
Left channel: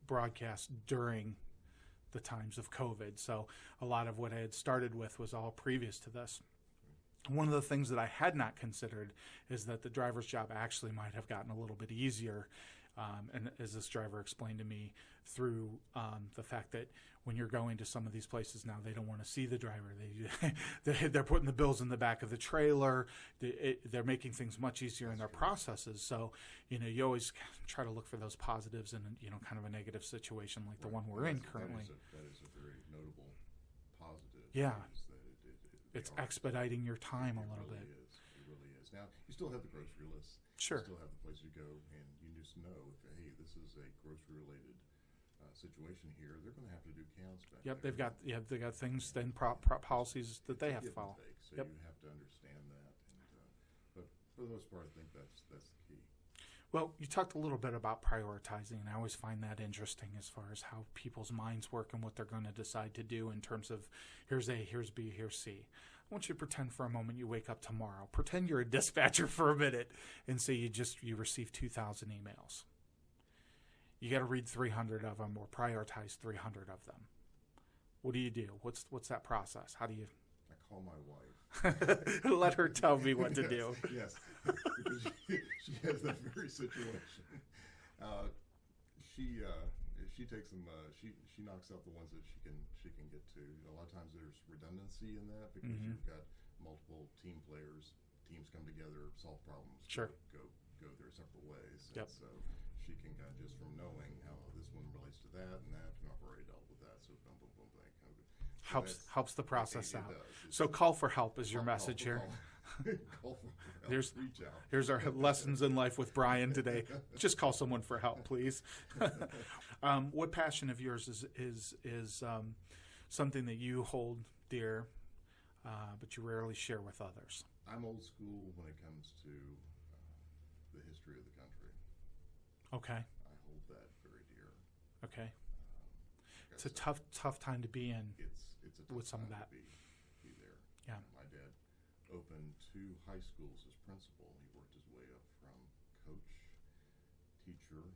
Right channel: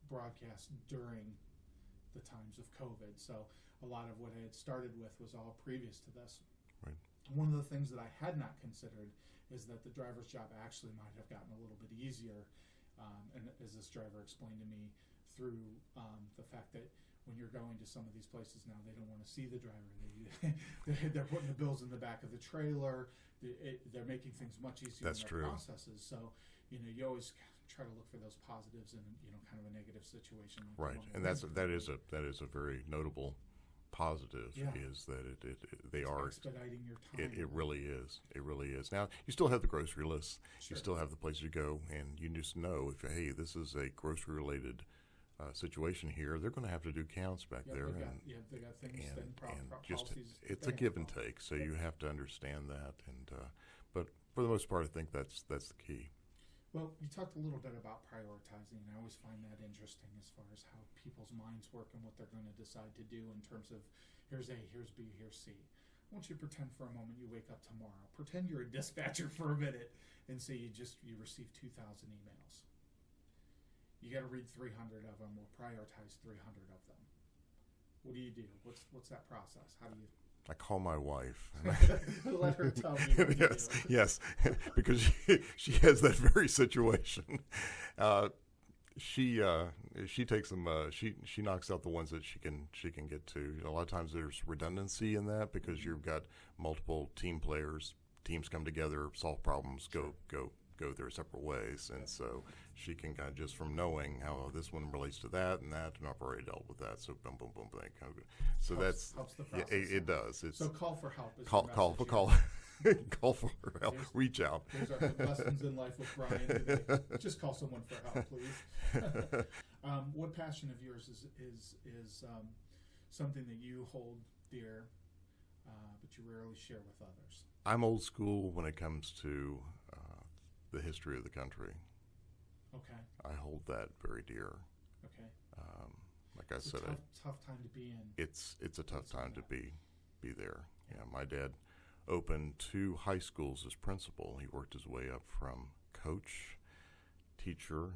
broadcasts during the times of COVID. So a lot of what I had started with was all previous to this. One of the things that I had not considered is that the driver's job actually might have gotten a little bit easier, and as this driver explained to me, through the fact that when you're going to some of these places now, they don't want to see the driver. They're putting the bills in the back of the trailer. They're making things much easier in their processes. So you always try to look for those positives in kind of a negative situation like the one we're in currently. That is a very notable positive. Is that they it's are expediting your time. It really is. It really is. Now you still have the grocery lists. Sure. You still have the place to go, and you just know if this is a grocery related situation here, they're going to have to do counts back there. They've got things and policies. It's a give and take, so you have to understand that. And but for the most part, I think that's the key. Well, you talked a little bit about prioritizing, and I always find that interesting as far as how people's minds work and what they're going to decide to do in terms of here's A, here's B, here's C. I want you to pretend for a moment you wake up tomorrow. Pretend you're a dispatcher for a minute and say you receive 2,000 emails. You got to read 300 of them or prioritize 300 of them. What do you do? What's that process? How do you... I call my wife. Let her tell me what to do. Yes, because she has that very situation. She takes them. She knocks out the ones that she can get to. A lot of times there's redundancy in that because you've got multiple team players. Teams come together, solve problems, go their separate ways, and so she can kind of just from knowing how this one relates to that, and I've already dealt with that. So boom, boom, boom, that kind of. So helps the process. It does. So call for help is your message here. Call for help. Reach out. Here's our lessons in life with Brian today. Just call someone for help, please. What passion of yours is something that you hold dear, but you rarely share with others? I'm old school when it comes to the history of the country. Okay. I hold that very dear. Okay. Like it's a tough time to be in. It's a tough time to be there. Yeah. My dad opened 2 high schools as principal. He worked his way up from coach, teacher,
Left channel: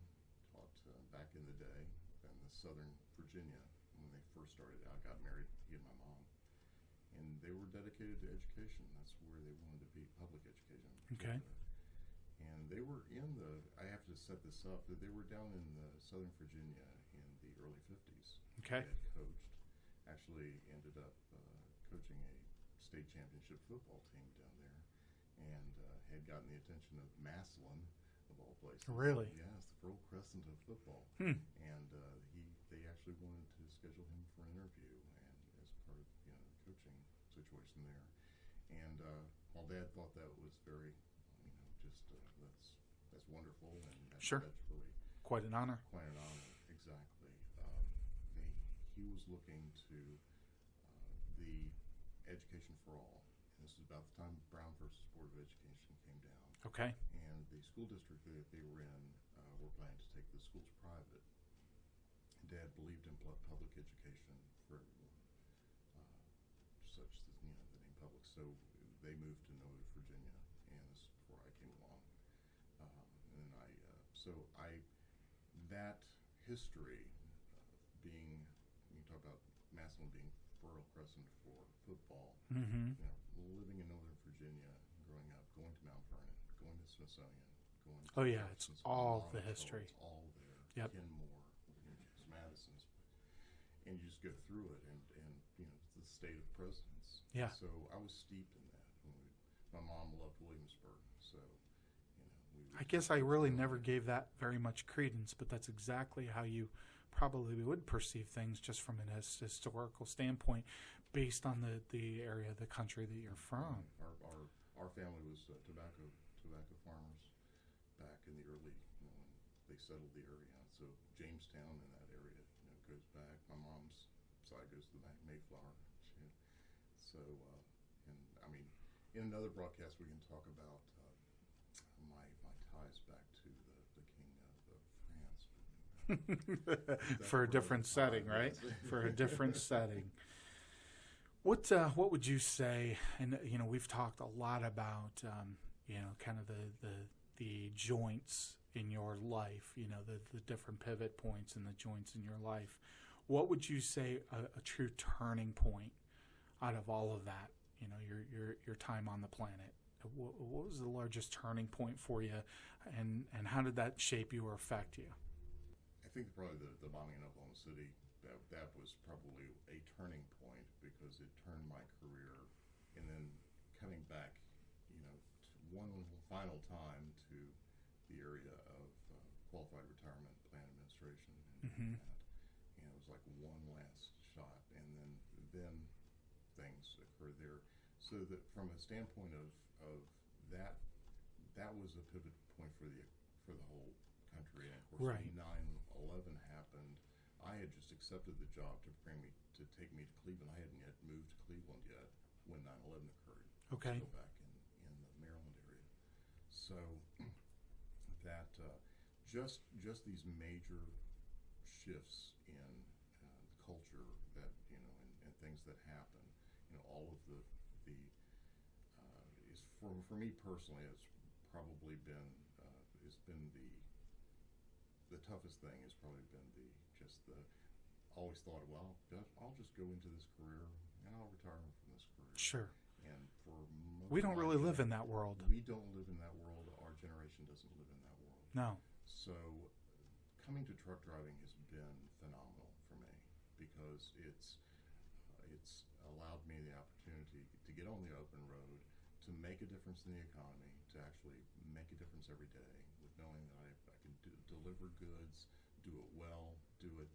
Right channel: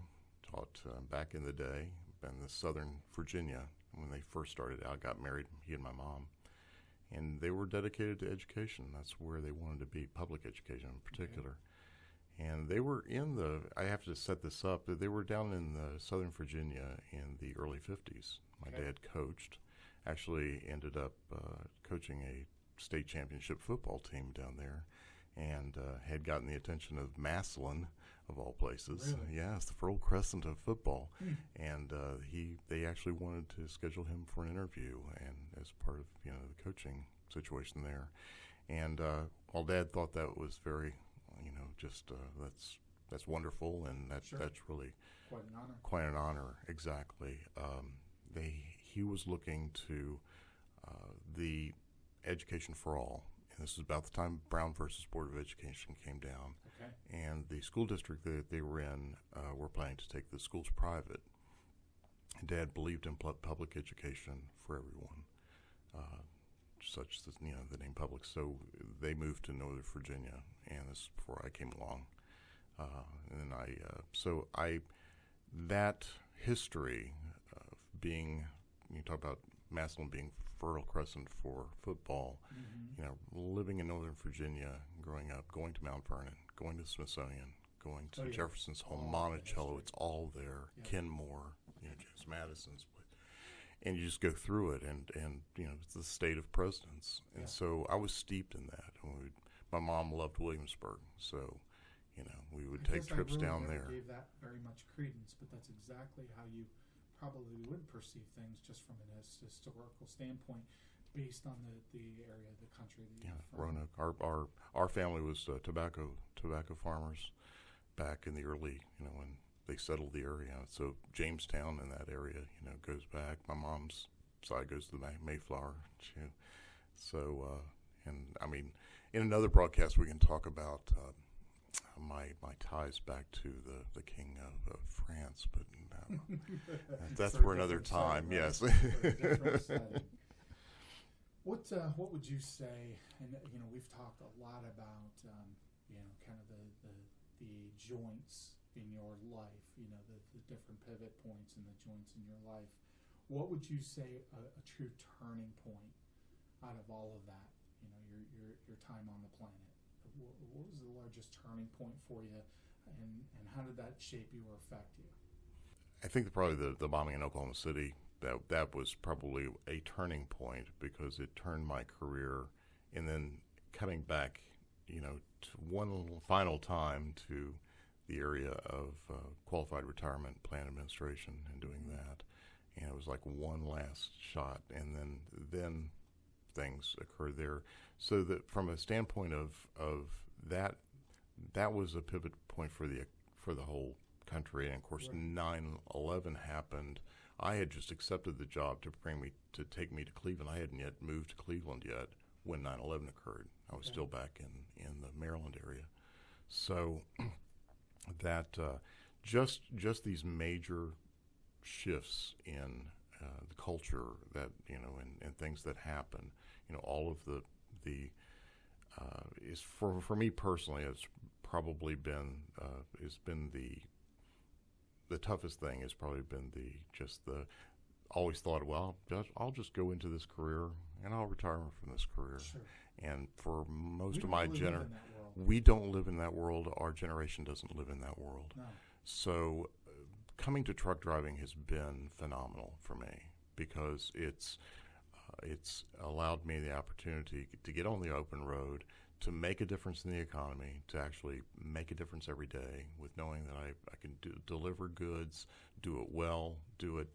taught back in the day in the Southern Virginia when they first started out. Got married, he and my mom, and they were dedicated to education. That's where they wanted to be, public education in particular. Okay. And they were I have to set this up, they were down in Southern Virginia in the early 50s. My dad coached, actually ended up coaching a state championship football team down there, and had gotten the attention of Massillon, of all places. Really? Yes, the Fertile Crescent of football. And they actually wanted to schedule him for an interview, and as part of the coaching situation there. And while Dad thought that was very, that's wonderful, and that's really quite an honor. Quite an honor, exactly. He was looking to the Education for All, and this was about the time Brown versus Board of Education came down. Okay. And the school district that they were in were planning to take the schools private. Dad believed in public education for everyone, such as the name public. So they moved to Northern Virginia, and this is before I came along. And then that history of being, you talk about Massillon being Fertile Crescent for football, living in Northern Virginia, growing up, going to Mount Vernon, going to the Smithsonian, going to Jefferson's Hall, Monticello, it's all there. Yep. Kenmore, James Madison's, and you just go through it, and it's the state of presidents. Yeah. And so I was steeped in that. My mom loved Williamsburg, so we would. I guess I really never there. gave that very much credence, but that's exactly how you probably would perceive things, just from an historical standpoint, based on the area of the country that you're from. Our family was tobacco farmers back in the early, when they settled the area. So Jamestown in that area, goes back. My mom's side goes to the Mayflower. In another broadcast we can talk about my ties back to the King of France, but that's for another time. Setting, right? Yes, for a different setting. What would you say? And we've talked a lot about kind of the joints in your life. The different pivot points and the joints in your life. What would you say a true turning point out of all of that? Your time on the planet. What was the largest turning point for you, and how did that shape you or affect you? I think probably the bombing in Oklahoma City, that was probably a turning point, because it turned my career, and then coming back, to one final time to the area of qualified retirement plan administration and doing that, and it was like one last shot, and then things occurred there. So that from a standpoint of that was a pivot point for the whole country. And of course, right. 9/11 happened. I had just accepted the job to take me to Cleveland. I hadn't yet moved to Cleveland yet when 9/11 occurred. I was still back in the Maryland area. So that just these major shifts in the culture that and things that happen. All of the is for me personally, it's probably been the toughest thing has probably been always thought, well, I'll just go into this career and I'll retire from this career. Sure. And for most we of my don't really live in that world. We don't live in that world. Our generation doesn't live in that world. No. So coming to truck driving has been phenomenal for me, because it's allowed me the opportunity to get on the open road, to make a difference in the economy, to actually make a difference every day, with knowing that I can deliver goods, do it well, do it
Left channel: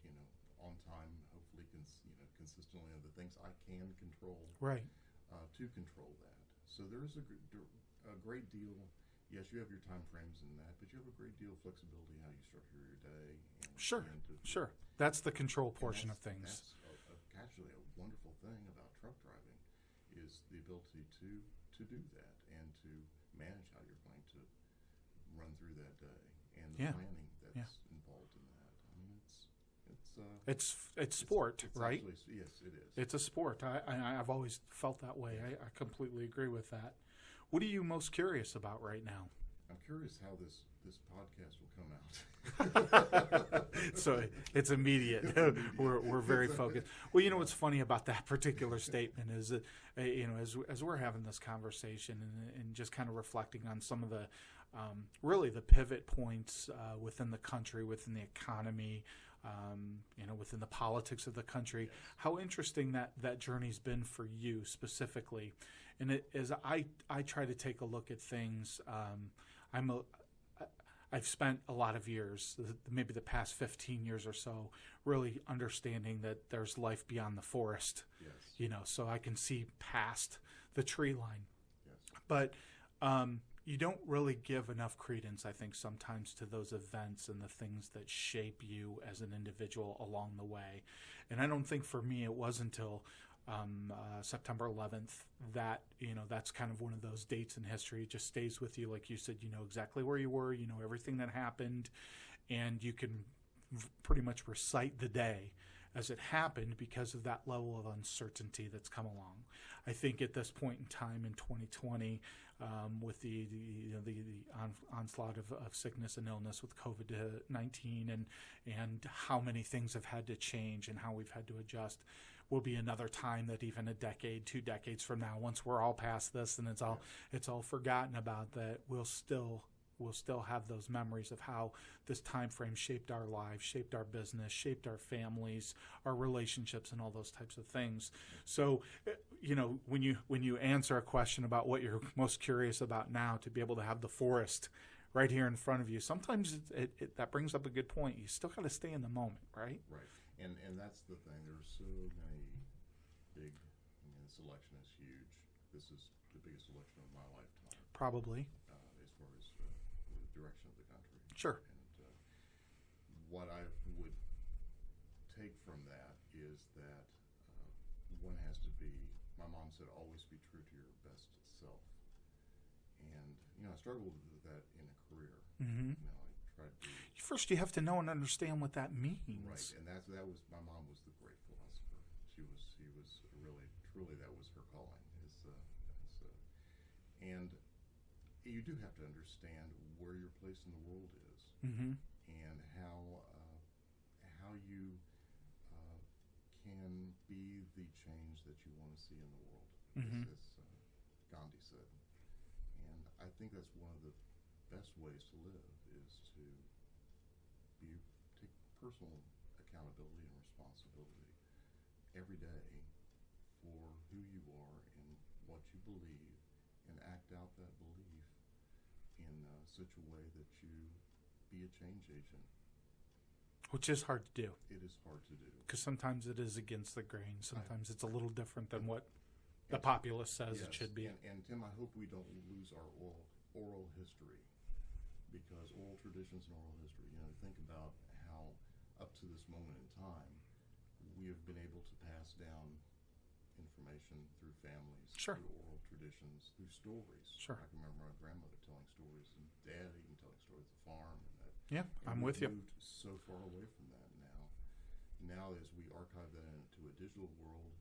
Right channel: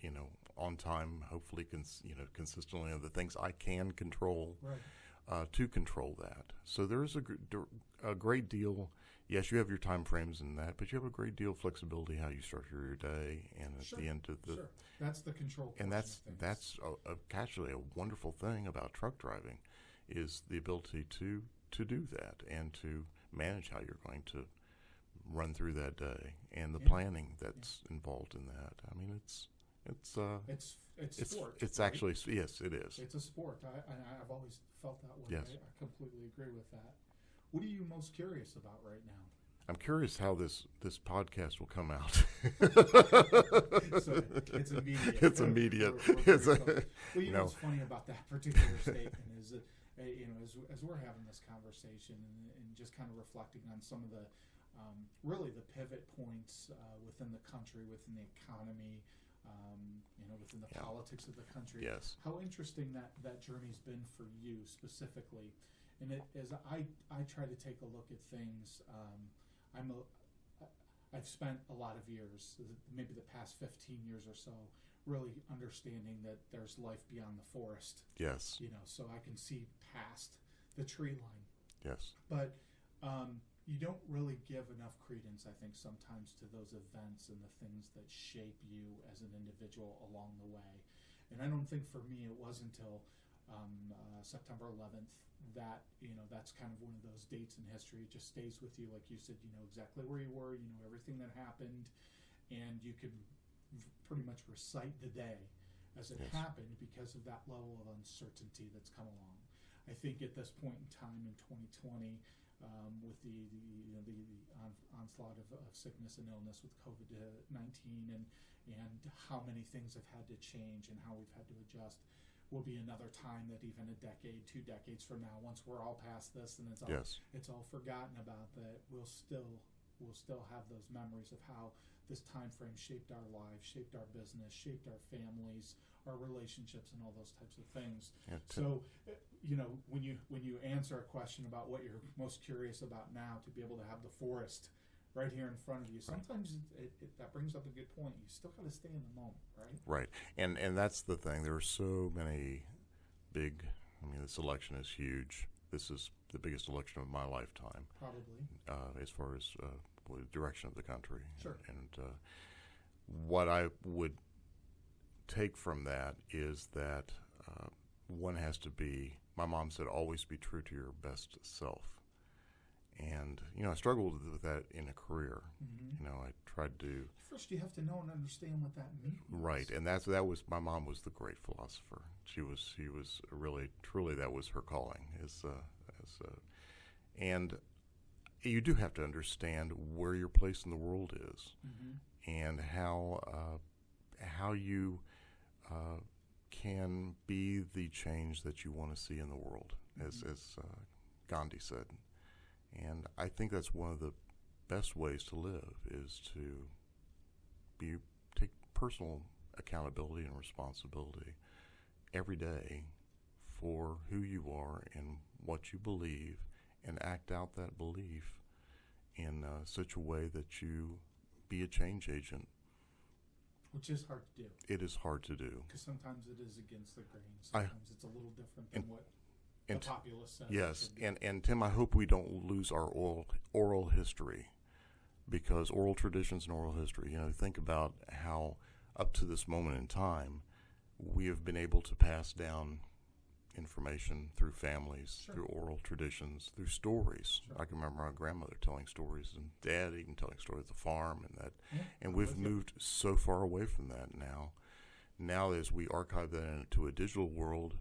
on time, hopefully consistently, of the things I can control, right, to control that. So there is a great deal. Yes, you have your time frames in that, but you have a great deal of flexibility how you structure your day, and at the end of the that's the control portion of things. That's actually a wonderful thing about truck driving, is the ability to do that and to manage how you're going to run through that day, and the planning that's involved in that. I mean, it's sport. It's right? Actually, yes, it is. It's a sport. I've always felt that way. Yes. I completely agree with that. What are you most curious about right now? I'm curious how this podcast will come out. So it's immediate. It's immediate. We're very focused. Well, what's funny about that particular statement is that, as we're having this conversation and just kind of reflecting on some of the really the pivot points within the country, within the economy, within the politics of the country. Yes. How interesting that journey's been for you specifically. And as I try to take a look at things, I've spent a lot of years, maybe the past 15 years or so, really understanding that there's life beyond the forest. Yes. So I can see past the tree line. Yes. But you don't really give enough credence, I think, sometimes to those events and the things that shape you as an individual along the way. And I don't think for me it was until September 11th that, that's kind of one of those dates in history. It just stays with you. Like you said, you know exactly where you were, you know everything that happened, and you can pretty much recite the day as it happened because of that level of uncertainty that's come along. I think at this point in time in 2020, with the onslaught of sickness and illness with COVID-19 and how many things have had to change and how we've had to adjust, will be another time that even a decade, 2 decades from now, once we're all past this and it's all forgotten about, that we'll still have those memories of how this time frame shaped our lives, shaped our business, shaped our families, our relationships, and all those types of things. Okay. So, when you answer a question about what you're most curious about now, to be able to have the forest right here in front of you, sometimes that brings up a good point. You still got to stay in the moment, right? Right, and that's the thing. There are so many big. I mean, this election is huge. This is the biggest election of my lifetime, probably, as far as the direction of the country. Sure. And what I would take from that is that one has to be. My mom said, "Always be true to your best self." And I struggled with that in a career. Mm-hmm. I tried to. First, you have to know and understand what that means. Right, and that was my mom was the great philosopher. She was really, truly, that was her calling. And you do have to understand where your place in the world is, mm-hmm. and how you can be the change that you want to see in the world, mm-hmm. as Gandhi said. And I think that's one of the best ways to live, is to take personal accountability and responsibility every day for who you are and what you believe, and act out that belief in such a way that you be a change agent. Which is hard to do. It is hard to do. Because sometimes it is against the grain. Sometimes it's a little different than what the populace says it should be. Yes, and Tim, I hope we don't lose our oral history, because oral traditions and oral history, think about how up to this moment in time, we have been able to pass down information through families, sure. through oral traditions, through stories. Sure. I can remember my grandmother telling stories, and Dad even telling stories of the farm, and that. Yeah, and I'm we've moved so far away from that now. Now, as we archive that into a digital world,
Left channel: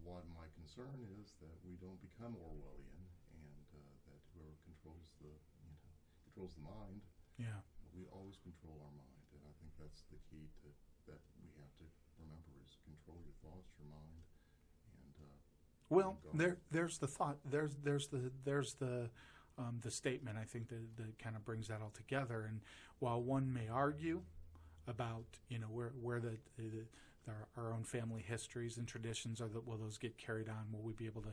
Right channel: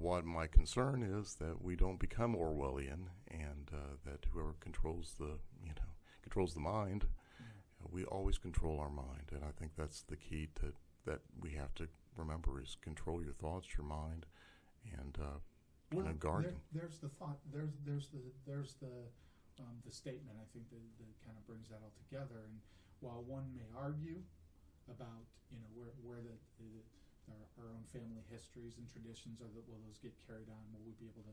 what my concern is that we don't become Orwellian, and that whoever controls the mind, we always control our mind. And I think that's the key that we have to remember, is control your thoughts, your mind, and there's the thought. There's the statement. I think that kind of brings that all together. And while one may argue about where our own family histories and traditions will those get carried on? Will we be able to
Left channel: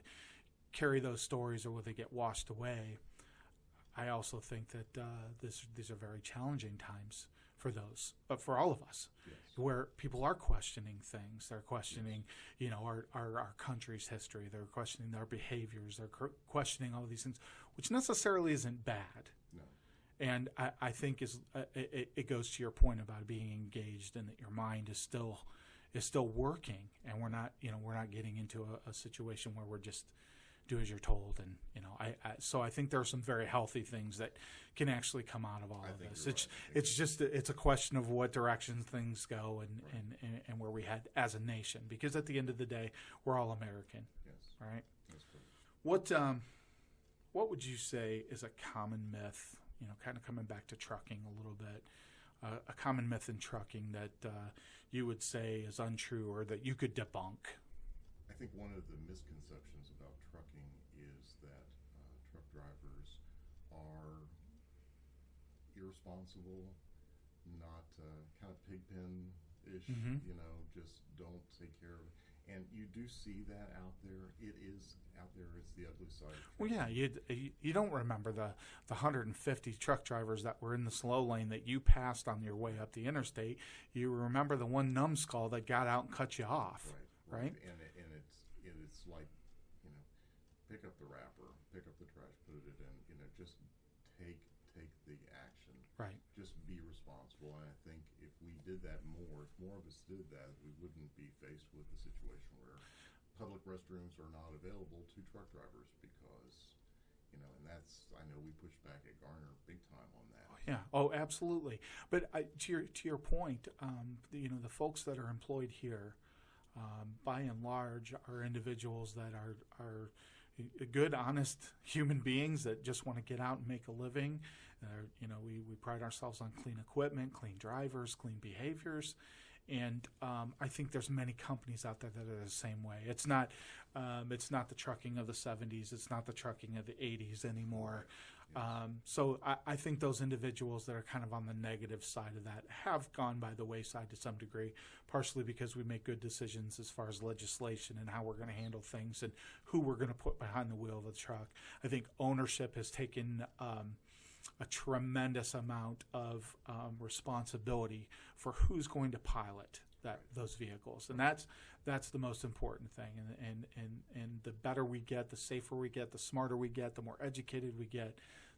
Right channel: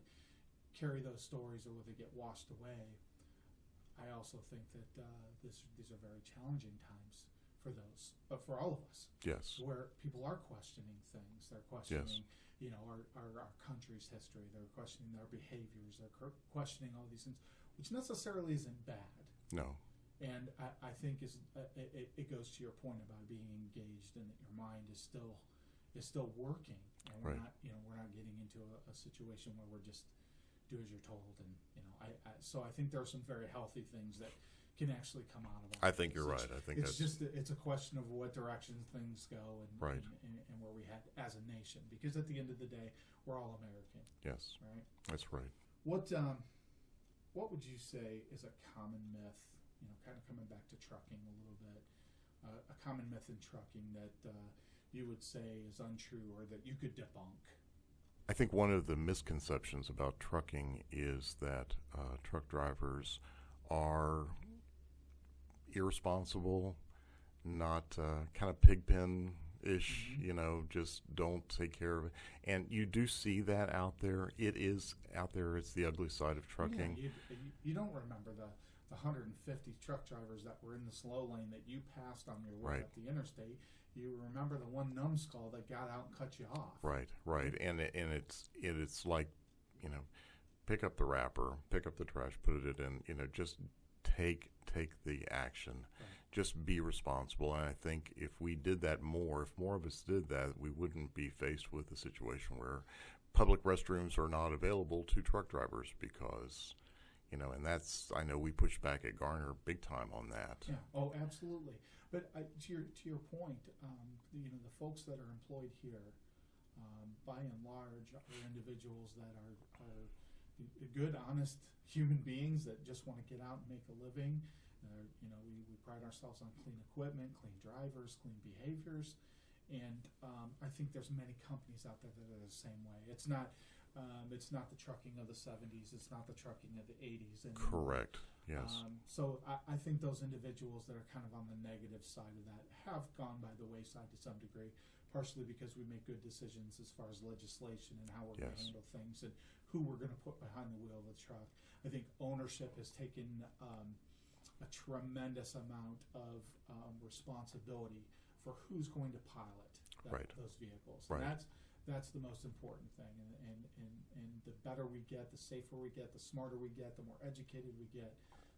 carry those stories, or will they get washed away? I also think that these are very challenging times for those, for all of us. Yes. Where people are questioning things. They're questioning, yes. Our country's history. They're questioning our behaviors. They're questioning all these things, which necessarily isn't bad. No. And I think it goes to your point about being engaged, and that your mind is still working, and we're right. we're not getting into a situation where we're just do as you're told. And so I think there are some very healthy things that can actually come out of all. I think this. You're right. I think it's a question of what direction things go, and, right. and where we head as a nation. Because at the end of the day, we're all American. Yes, right. That's right. What would you say is a common myth? Kind of coming back to trucking a little bit, a common myth in trucking that you would say is untrue, or that you could debunk. I think one of the misconceptions about trucking is that truck drivers are irresponsible, not kind of pigpen-ish, mm-hmm. Just don't take care of it. And you do see that out there. It is out there. It's the ugly side of trucking. Well, yeah, you don't remember the 150 truck drivers that were in the slow lane that you passed on your way right. up the interstate. You remember the one numbskull that got out and cut you off. Right. And it's like, pick up the wrapper, pick up the trash, put it in, just take the action. Right. Just be responsible. And I think if we did that more, if more of us did that, we wouldn't be faced with a situation where public restrooms are not available to truck drivers because, and I know we push back at Garner big time on that. Yeah. Oh, absolutely. But to your point, the folks that are employed here, by and large, are individuals that are good, honest human beings that just want to get out and make a living. We pride ourselves on clean equipment, clean drivers, clean behaviors, and I think there's many companies out there that are the same way. It's not the trucking of the 70s. It's not the trucking of the 80s anymore. Correct. Yes. So I think those individuals that are kind of on the negative side of that have gone by the wayside to some degree, partially because we make good decisions as far as legislation and how we're going to handle things and who we're going to put behind the wheel of the truck. I think ownership has taken a tremendous amount of responsibility for who's going to pilot those vehicles, and that's the most important thing. And the better we get, the safer we get, the smarter we get, the more educated we get,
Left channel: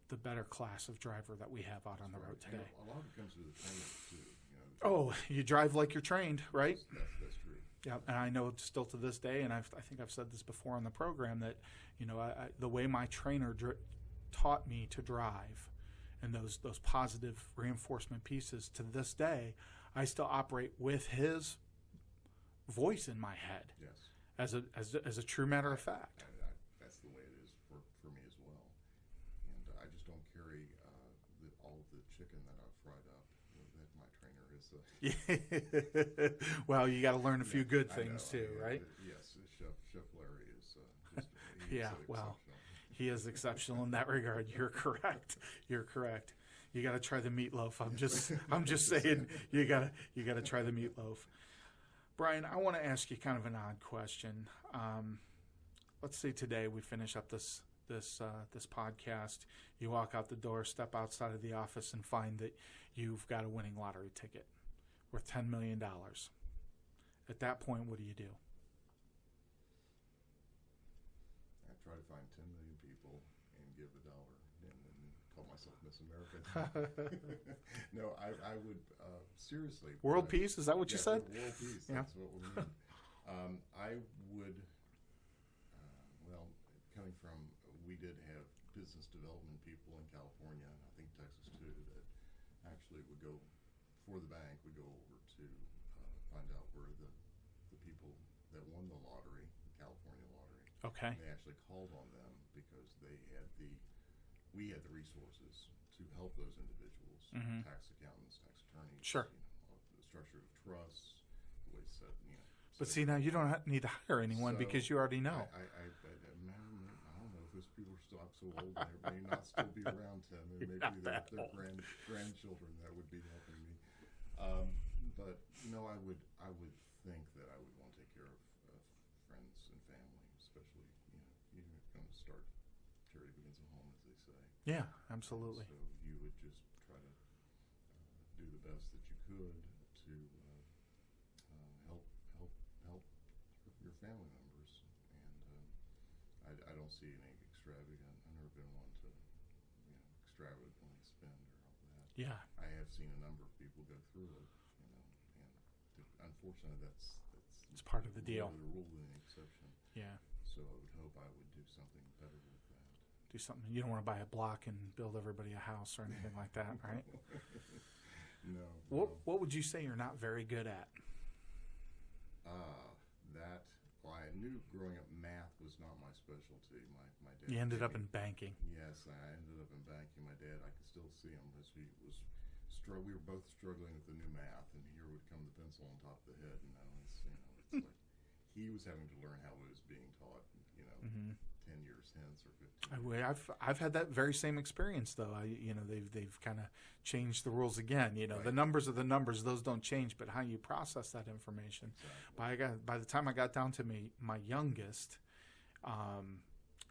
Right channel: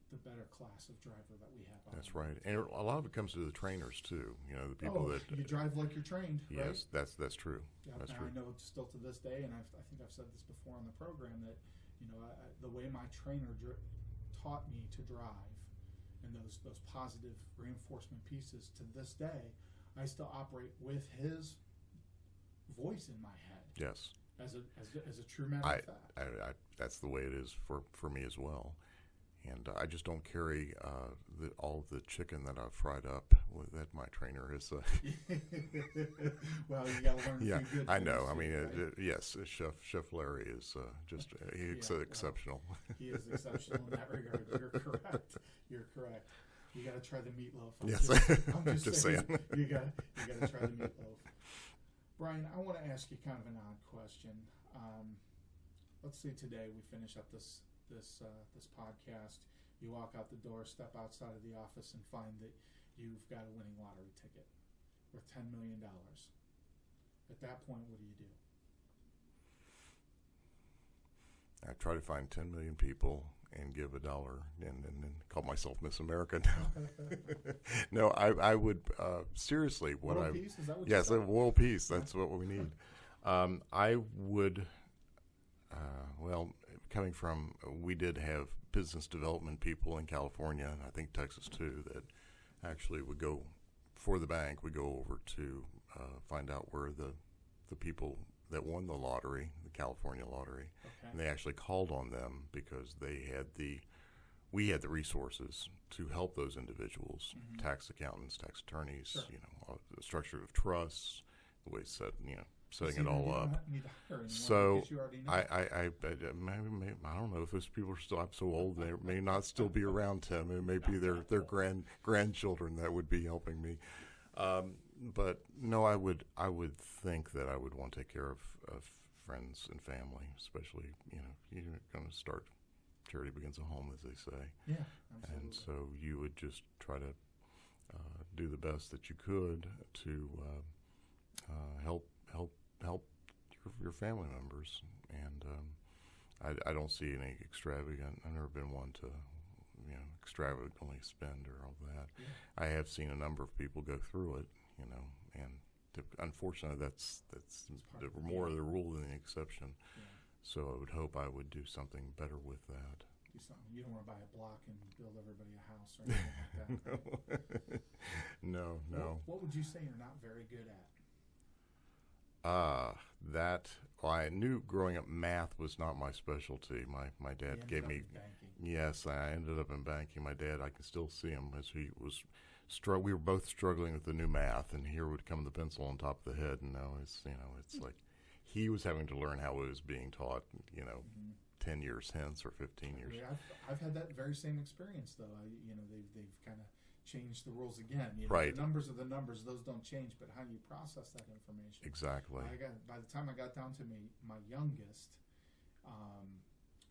the better class of driver that we have out on the road today. And a lot of it comes to the trainers too. The people you drive like you're trained, right? Yes, that's true. Yeah, that's and true. I know still to this day, and I think I've said this before on the program, that the way my trainer taught me to drive, and those positive reinforcement pieces, to this day, I still operate with his voice in my head. Yes. As a true matter of fact. That's the way it is for me as well. And I just don't carry all the chicken that I've fried up that my trainer has. Well, you got to learn a few good things. I know. Too, right? Yes, Chef Larry is he's exceptional. He is exceptional in that regard. You're correct. You got to try the meatloaf. I'm just saying. You got to try the meatloaf. Brian, I want to ask you kind of an odd question. Let's say today we finish up this podcast. You walk out the door, step outside of the office, and find that you've got a winning lottery ticket worth $10 million. At that point, what do you do? I try to find 10 million people and give $1 and call myself Miss America. No, I would seriously. World peace? Is that what you said? Yes, world peace. That's what we need. I would. Coming from, we did have business development people in California, and I think Texas too, that actually would go for the bank. We go over to find out where the people that won the lottery, the California lottery, and they actually called on them because we had the resources to help those individuals, tax accountants, tax attorneys, the structure of trusts, the way it's set, See, now you don't need to hire anyone because you already know. I don't know if those people are still. I'm so old; they may not still be around, Tim. It may be their grandchildren that would be helping me. But no, I would think that I would want to take care of friends and family, especially you're going to start. Charity begins at home, as they say. Yeah, absolutely. And so you would just try to do the best that you could to help your family members, and I don't see any extravagant. I've never been one to extravagantly spend or all that. Yeah, I have seen a number of people go through it, and unfortunately that's part of the more deal. the rule than the exception. Yeah. So I would hope I would do something better with that. Do something. You don't want to buy a block and build everybody a house or anything like that, right? No. What would you say you're not very good at? I knew growing up math was not my specialty. My dad You ended gave up me in banking. Yes, I ended up in banking. My dad, I can still see him as he was we were both struggling with the new math, and here would come the pencil on top of the head, and now it's like he was having to learn how it was being taught, 10 years hence or 15 years. I've had that very same experience though. They've kind of changed the rules again. Right. The numbers are the numbers; those don't change. But how you process that information. Exactly. By the time I got down to my youngest,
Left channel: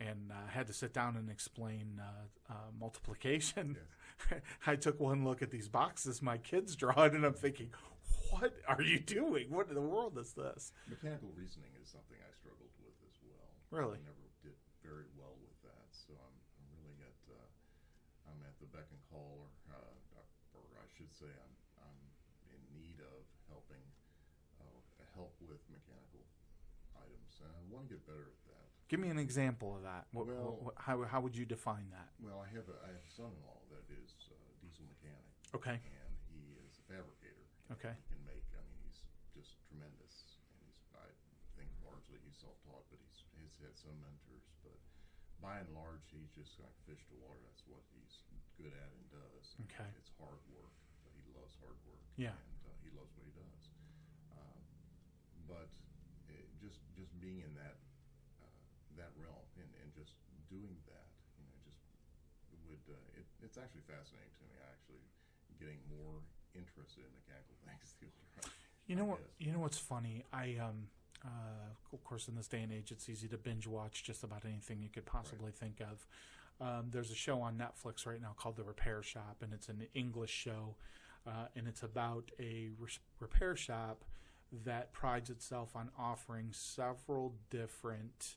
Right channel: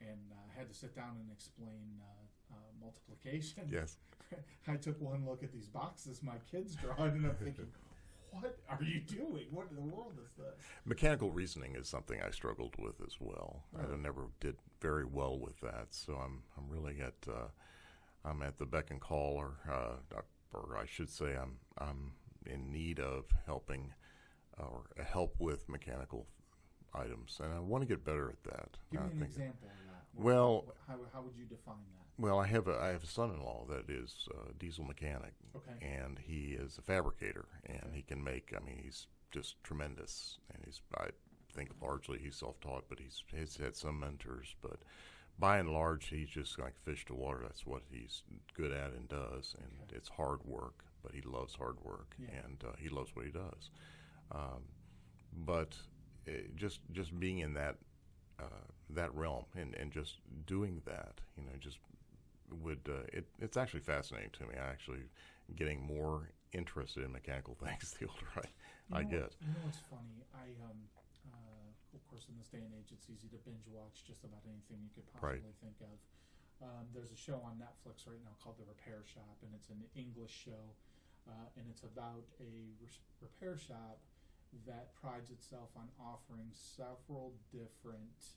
and had to sit down and explain multiplication. Yes. I took one look at these boxes my kids drawn, and I'm thinking, what are you doing? What in the world is this? Mechanical reasoning is something I struggled with as well. Really? I never did very well with that. So I'm really I'm at the beck and call, or I should say I'm in need of helping or help with mechanical items, and I want to get better at that. Give me an example of that. How would you define that? Well, I have a son-in-law that is a diesel mechanic. Okay. And he is a fabricator, and Okay. he can make. I mean, he's just tremendous, and I think largely he's self-taught, but he's had some mentors. But by and large, he's just like fish to water. That's what he's good at and does, and Okay. it's hard work, but he loves hard work, Yeah. and he loves what he does. But just being in that realm and just doing that, just would it's actually fascinating to me. I actually getting more interested in mechanical things the older I get. You know what's funny? Of course, in this day and age, it's easy to binge watch just about anything you could possibly think of. There's a show on Netflix right now called The Repair Shop, and it's an English show, and it's about a repair shop that prides itself on offering several different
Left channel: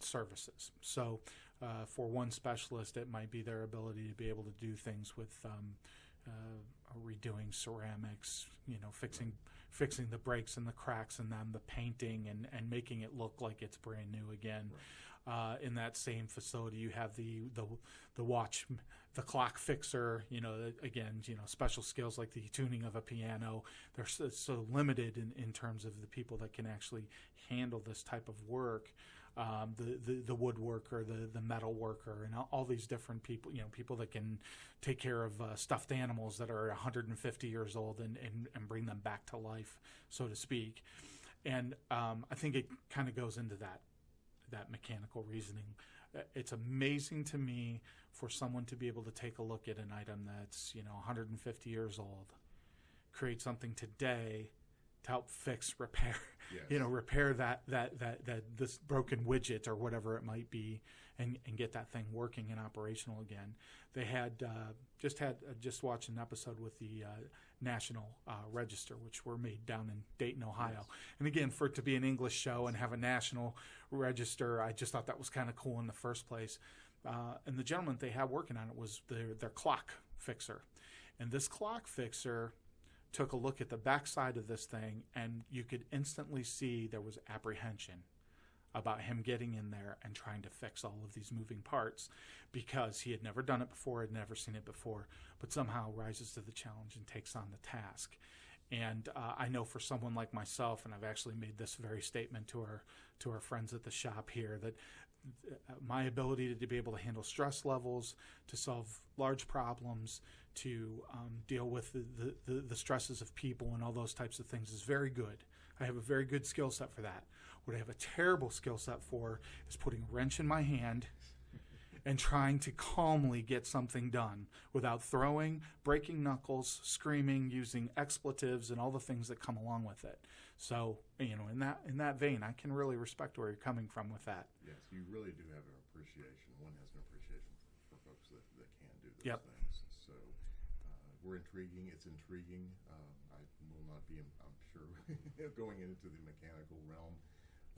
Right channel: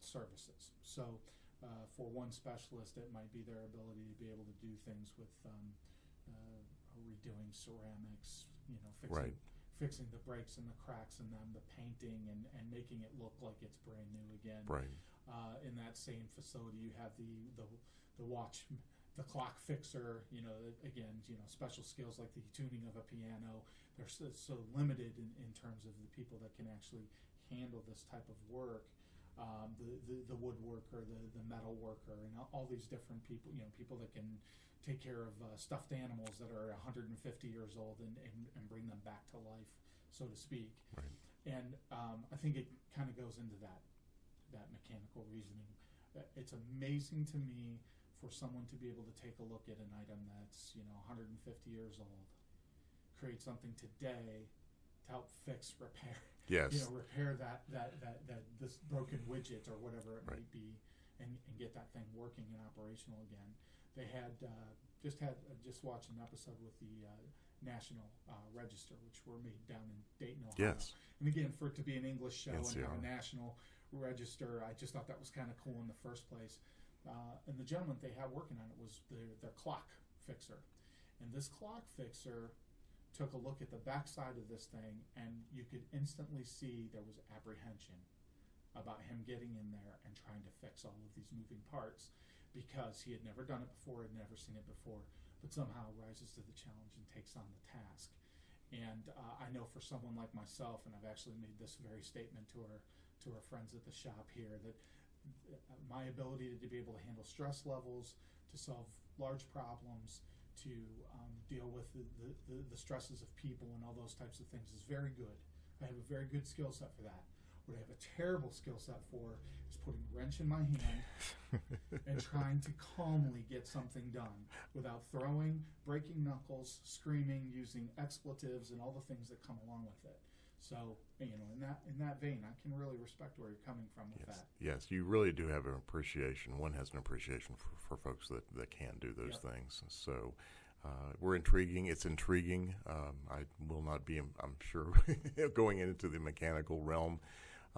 services. So for one specialist, it might be their ability to be able to do things with redoing ceramics, fixing the breaks and the cracks in them, the painting, and making it look like it's brand new again. Right. In that same facility, you have the watch, the clock fixer. Again, special skills like the tuning of a piano. They're so limited in terms of the people that can actually handle this type of work. The woodworker, the metal worker, and all these different people. People that can take care of stuffed animals that are 150 years old and bring them back to life, so to speak. Right. And I think it kind of goes into that mechanical reasoning. It's amazing to me for someone to be able to take a look at an item that's 150 years old, create something today to help fix, repair. Yes. Repair that this broken widget or whatever it might be, and get that thing working and operational again. They had just watched an episode with the National Register, which were made down in Dayton, Ohio. Yes. And again, for it to be an English show and have a NCR. National Register, I just thought that was kind of cool in the first place. And the gentleman they had working on it was their clock fixer, and this clock fixer took a look at the backside of this thing, and you could instantly see there was apprehension about him getting in there and trying to fix all of these moving parts, because he had never done it before, had never seen it before, but somehow rises to the challenge and takes on the task. And I know for someone like myself, and I've actually made this very statement to our friends at the shop here, that my ability to be able to handle stress levels, to solve large problems, to deal with the stresses of people and all those types of things is very good. I have a very good skill set for that. What I have a terrible skill set for is putting a wrench in my hand and trying to calmly get something done without throwing, breaking knuckles, screaming, using expletives, and all the things that come along with it. So, in that vein, I can really respect where you're coming from with that. Yes, you really do have an appreciation. One has an appreciation for folks that can do those Yep. things. So we're intriguing. It's intriguing. I will not be, I'm sure, going into the mechanical realm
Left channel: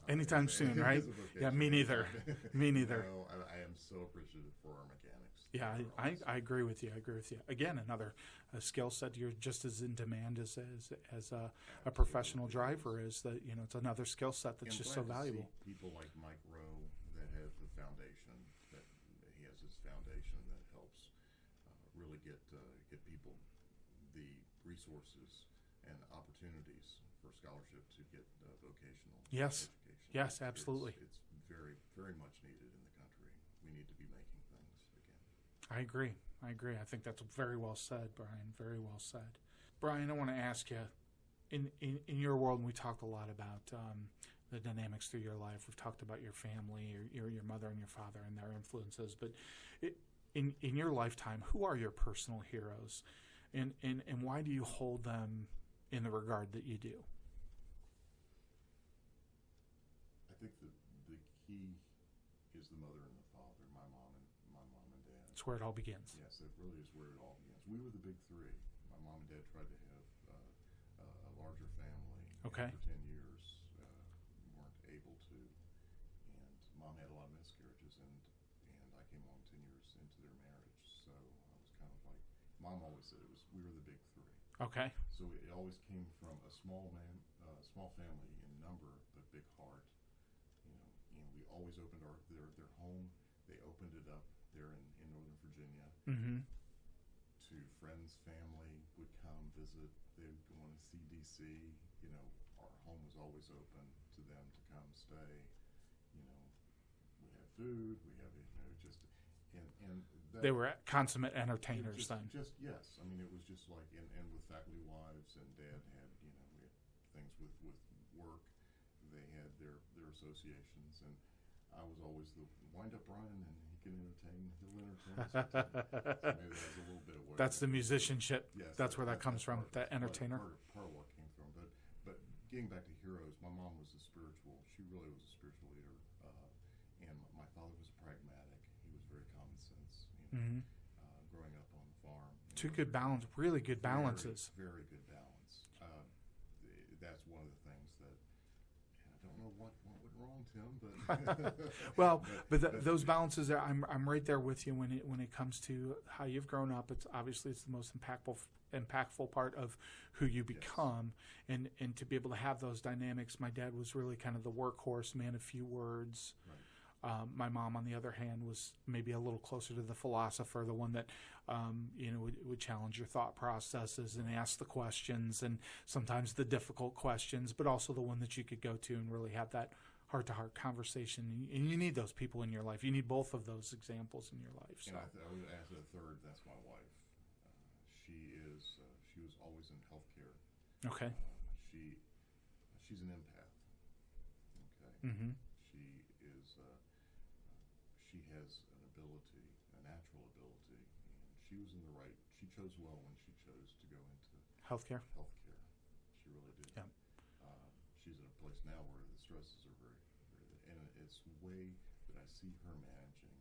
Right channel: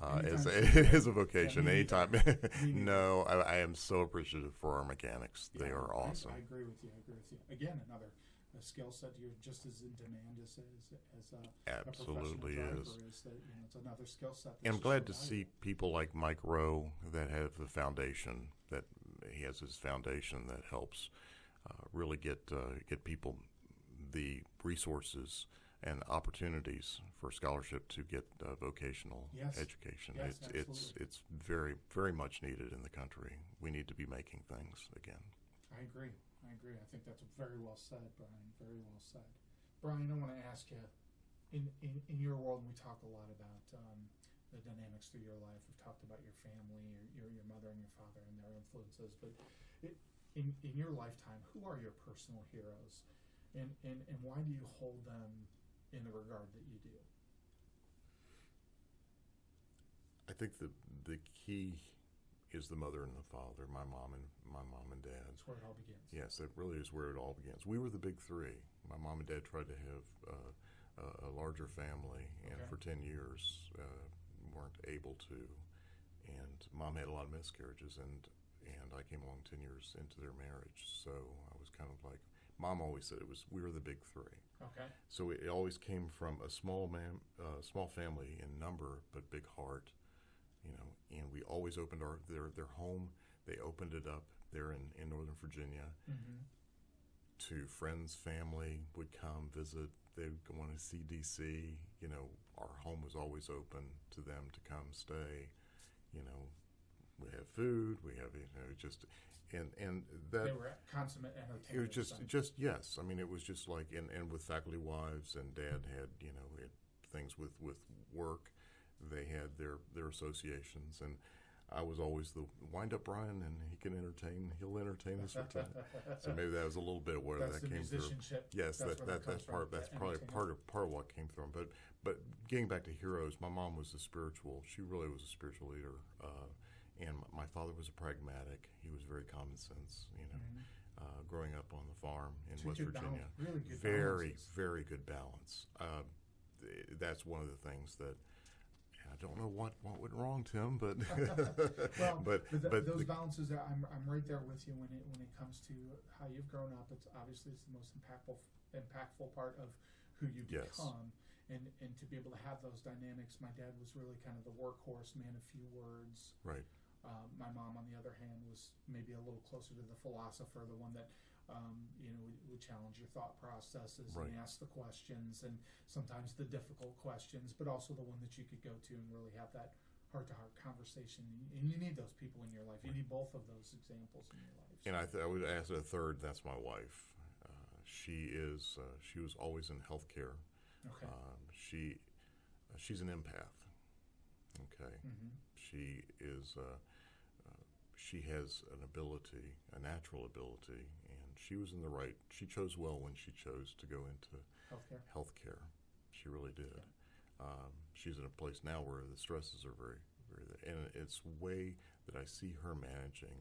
Anytime soon, right? as a vocation. Yeah, me neither. Anytime. Me neither. No, I am so appreciative for our mechanics. Yeah, they are awesome. I agree with you. Again, another skill set you're just as in demand as a professional Absolutely driver is. That it's another skill set that's And I'm just glad so to valuable. see people like Mike Rowe that have the foundation, that he has his foundation that helps really get people the resources and opportunities for scholarship to get vocational Yes. education. Yes, absolutely. It's very, very much needed in the country. We need to be making things again. I agree. I think that's very well said, Brian. Very well said. Brian, I want to ask you, in your world, we talk a lot about the dynamics through your life. We've talked about your family, your mother and your father and their influences. But in your lifetime, who are your personal heroes? And why do you hold them in the regard that you do? I think the key is the mother and the father, my mom and dad. That's where it all begins. Yes, that really is where it all begins. We were the big three. My mom and dad tried to have a larger family, Okay. and for 10 years weren't able to. And Mom had a lot of miscarriages, and I came along 10 years into their marriage. So I was kind of like, Mom always said we were the big three. Okay. So it always came from a small family in number, but big heart, and we always opened their home. They opened it up there in Northern Virginia. Mm-hmm. To friends, family would come visit. They would want to see DC. Our home was always open to them to come stay. We have food. We have just and that They were consummate entertainers. Just yes. I mean, it was just like and with faculty wives, and Dad had we had things with work. They had their associations, and I was always the wind-up Brian, and he'll entertain us. So maybe that was a little bit where that's that the came musicianship. Through. Yes, that's where that comes from. That's that entertainer. part of what came from. But getting back to heroes, my mom was a spiritual. She really was a spiritual leader, and my father was a pragmatic. He was very common sense. Mm-hmm. Growing up on the farm in Two West good Virginia. balance, really good balances. Very good balance. That's one of the things that. I don't know what went wrong, Tim, but well, but those balances are, I'm right there with you when it comes to how you've grown up. It's obviously the most impactful part of who you become, yes. and to be able to have those dynamics. My dad was really kind of the workhorse, man of few words. Right. My mom, on the other hand, was maybe a little closer to the philosopher, the one that would challenge your thought processes right. and ask the questions, and sometimes the difficult questions, but also the one that you could go to and really have that heart-to-heart conversation. And you need those people in your life. You need both of those examples in your life. So. And I would ask a third. That's my wife. She was always in healthcare. Okay. She's an empath. Okay. Mm-hmm. She is. She has an ability, a natural ability, and she was in the right. She chose well when she chose to go into healthcare. She really did. Yeah. She's in a place now where the stresses are very, very, and it's the way that I see her managing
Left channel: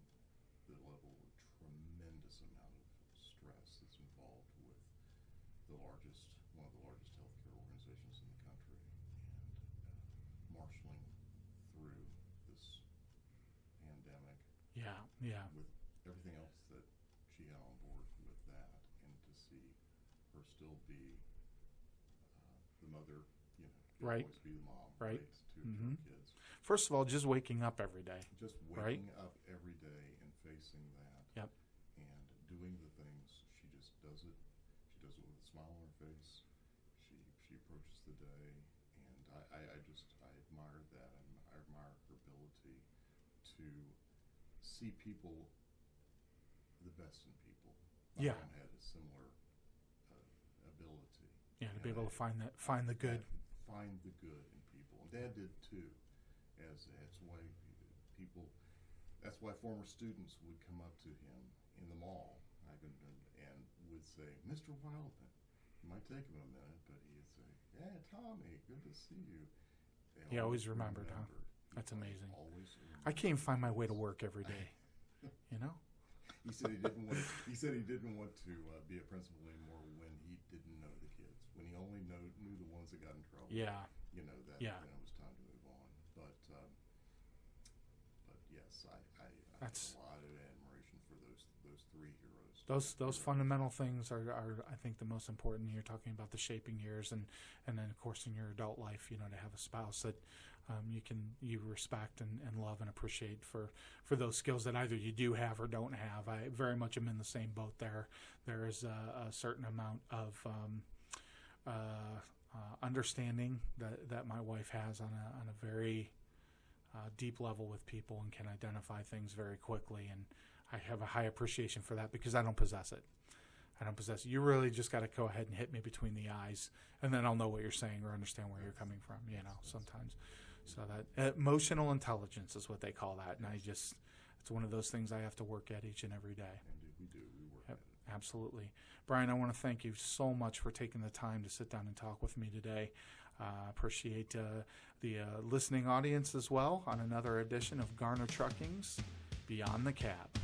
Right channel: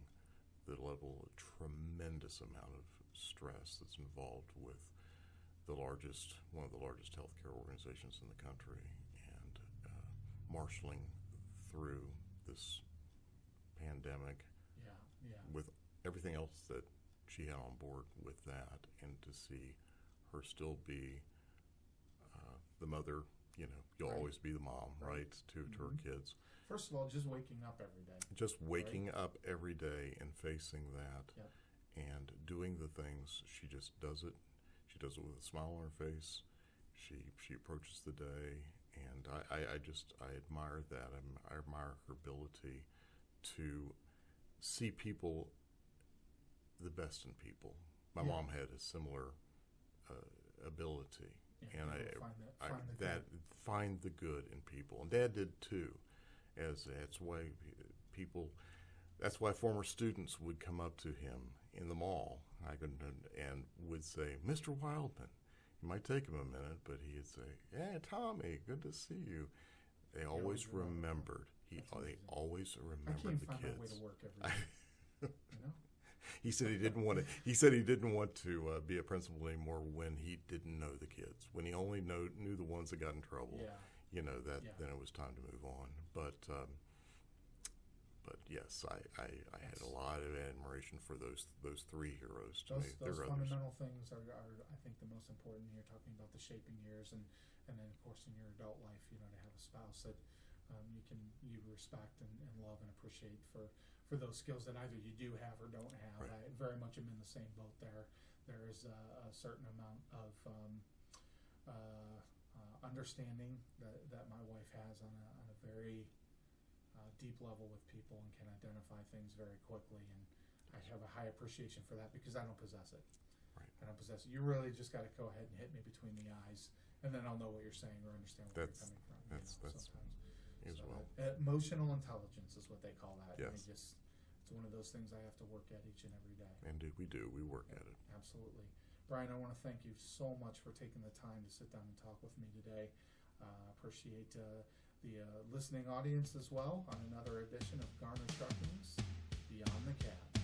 the level of tremendous amount of stress that's involved with one of the largest healthcare organizations in the country, and marshaling through this pandemic. Yeah. With everything else that she had on board with that, and to see her still be the mother, you'll right. always be the mom, right? To her kids. First of all, just waking up every day. Just waking up every day and facing that, yep. and doing the things. She just does it. She does it with a smile on her face. She approaches the day, and I admire that. I admire her ability to see people, the best in people. My mom had a similar ability. Yeah, and be able to find the good. Find the good in people, and Dad did too. That's why former students would come up to him in the mall, and would say, "Mr. Wildman." It might take him a minute, but he'd say, "Yeah, Tommy, good to see you." They always remembered. Huh? That's amazing. Always remembered. I can't find my way to work every day. He said he didn't want to. He said he didn't want to be a principal anymore when he didn't know the kids. When he only knew the ones that got in trouble. Yeah. Then it was time to move on. But yes, I had a lot of admiration for those three heroes. Those fundamental things are I think the most important. You're talking about the shaping years, and then of course in your adult life, to have a spouse that you respect and love and appreciate for those skills that either you do have or don't have. Right. I very much am in the same boat there. There is a certain amount of understanding that my wife has on a very deep level with people, and can identify things very quickly, and I have a high appreciation for that because I don't possess it. I don't possess it. You really just got to go ahead and hit me between the eyes, and then I'll know what you're saying or understand where you're coming from. Sometimes. So that emotional intelligence is what they call that, yes. And it's one of those things I have to work at each and every day. And we work at it. Absolutely. Brian, I want to thank you so much for taking the time to sit down and talk with me today. Appreciate the listening audience as well on another edition of Garner Trucking's Beyond the Cab.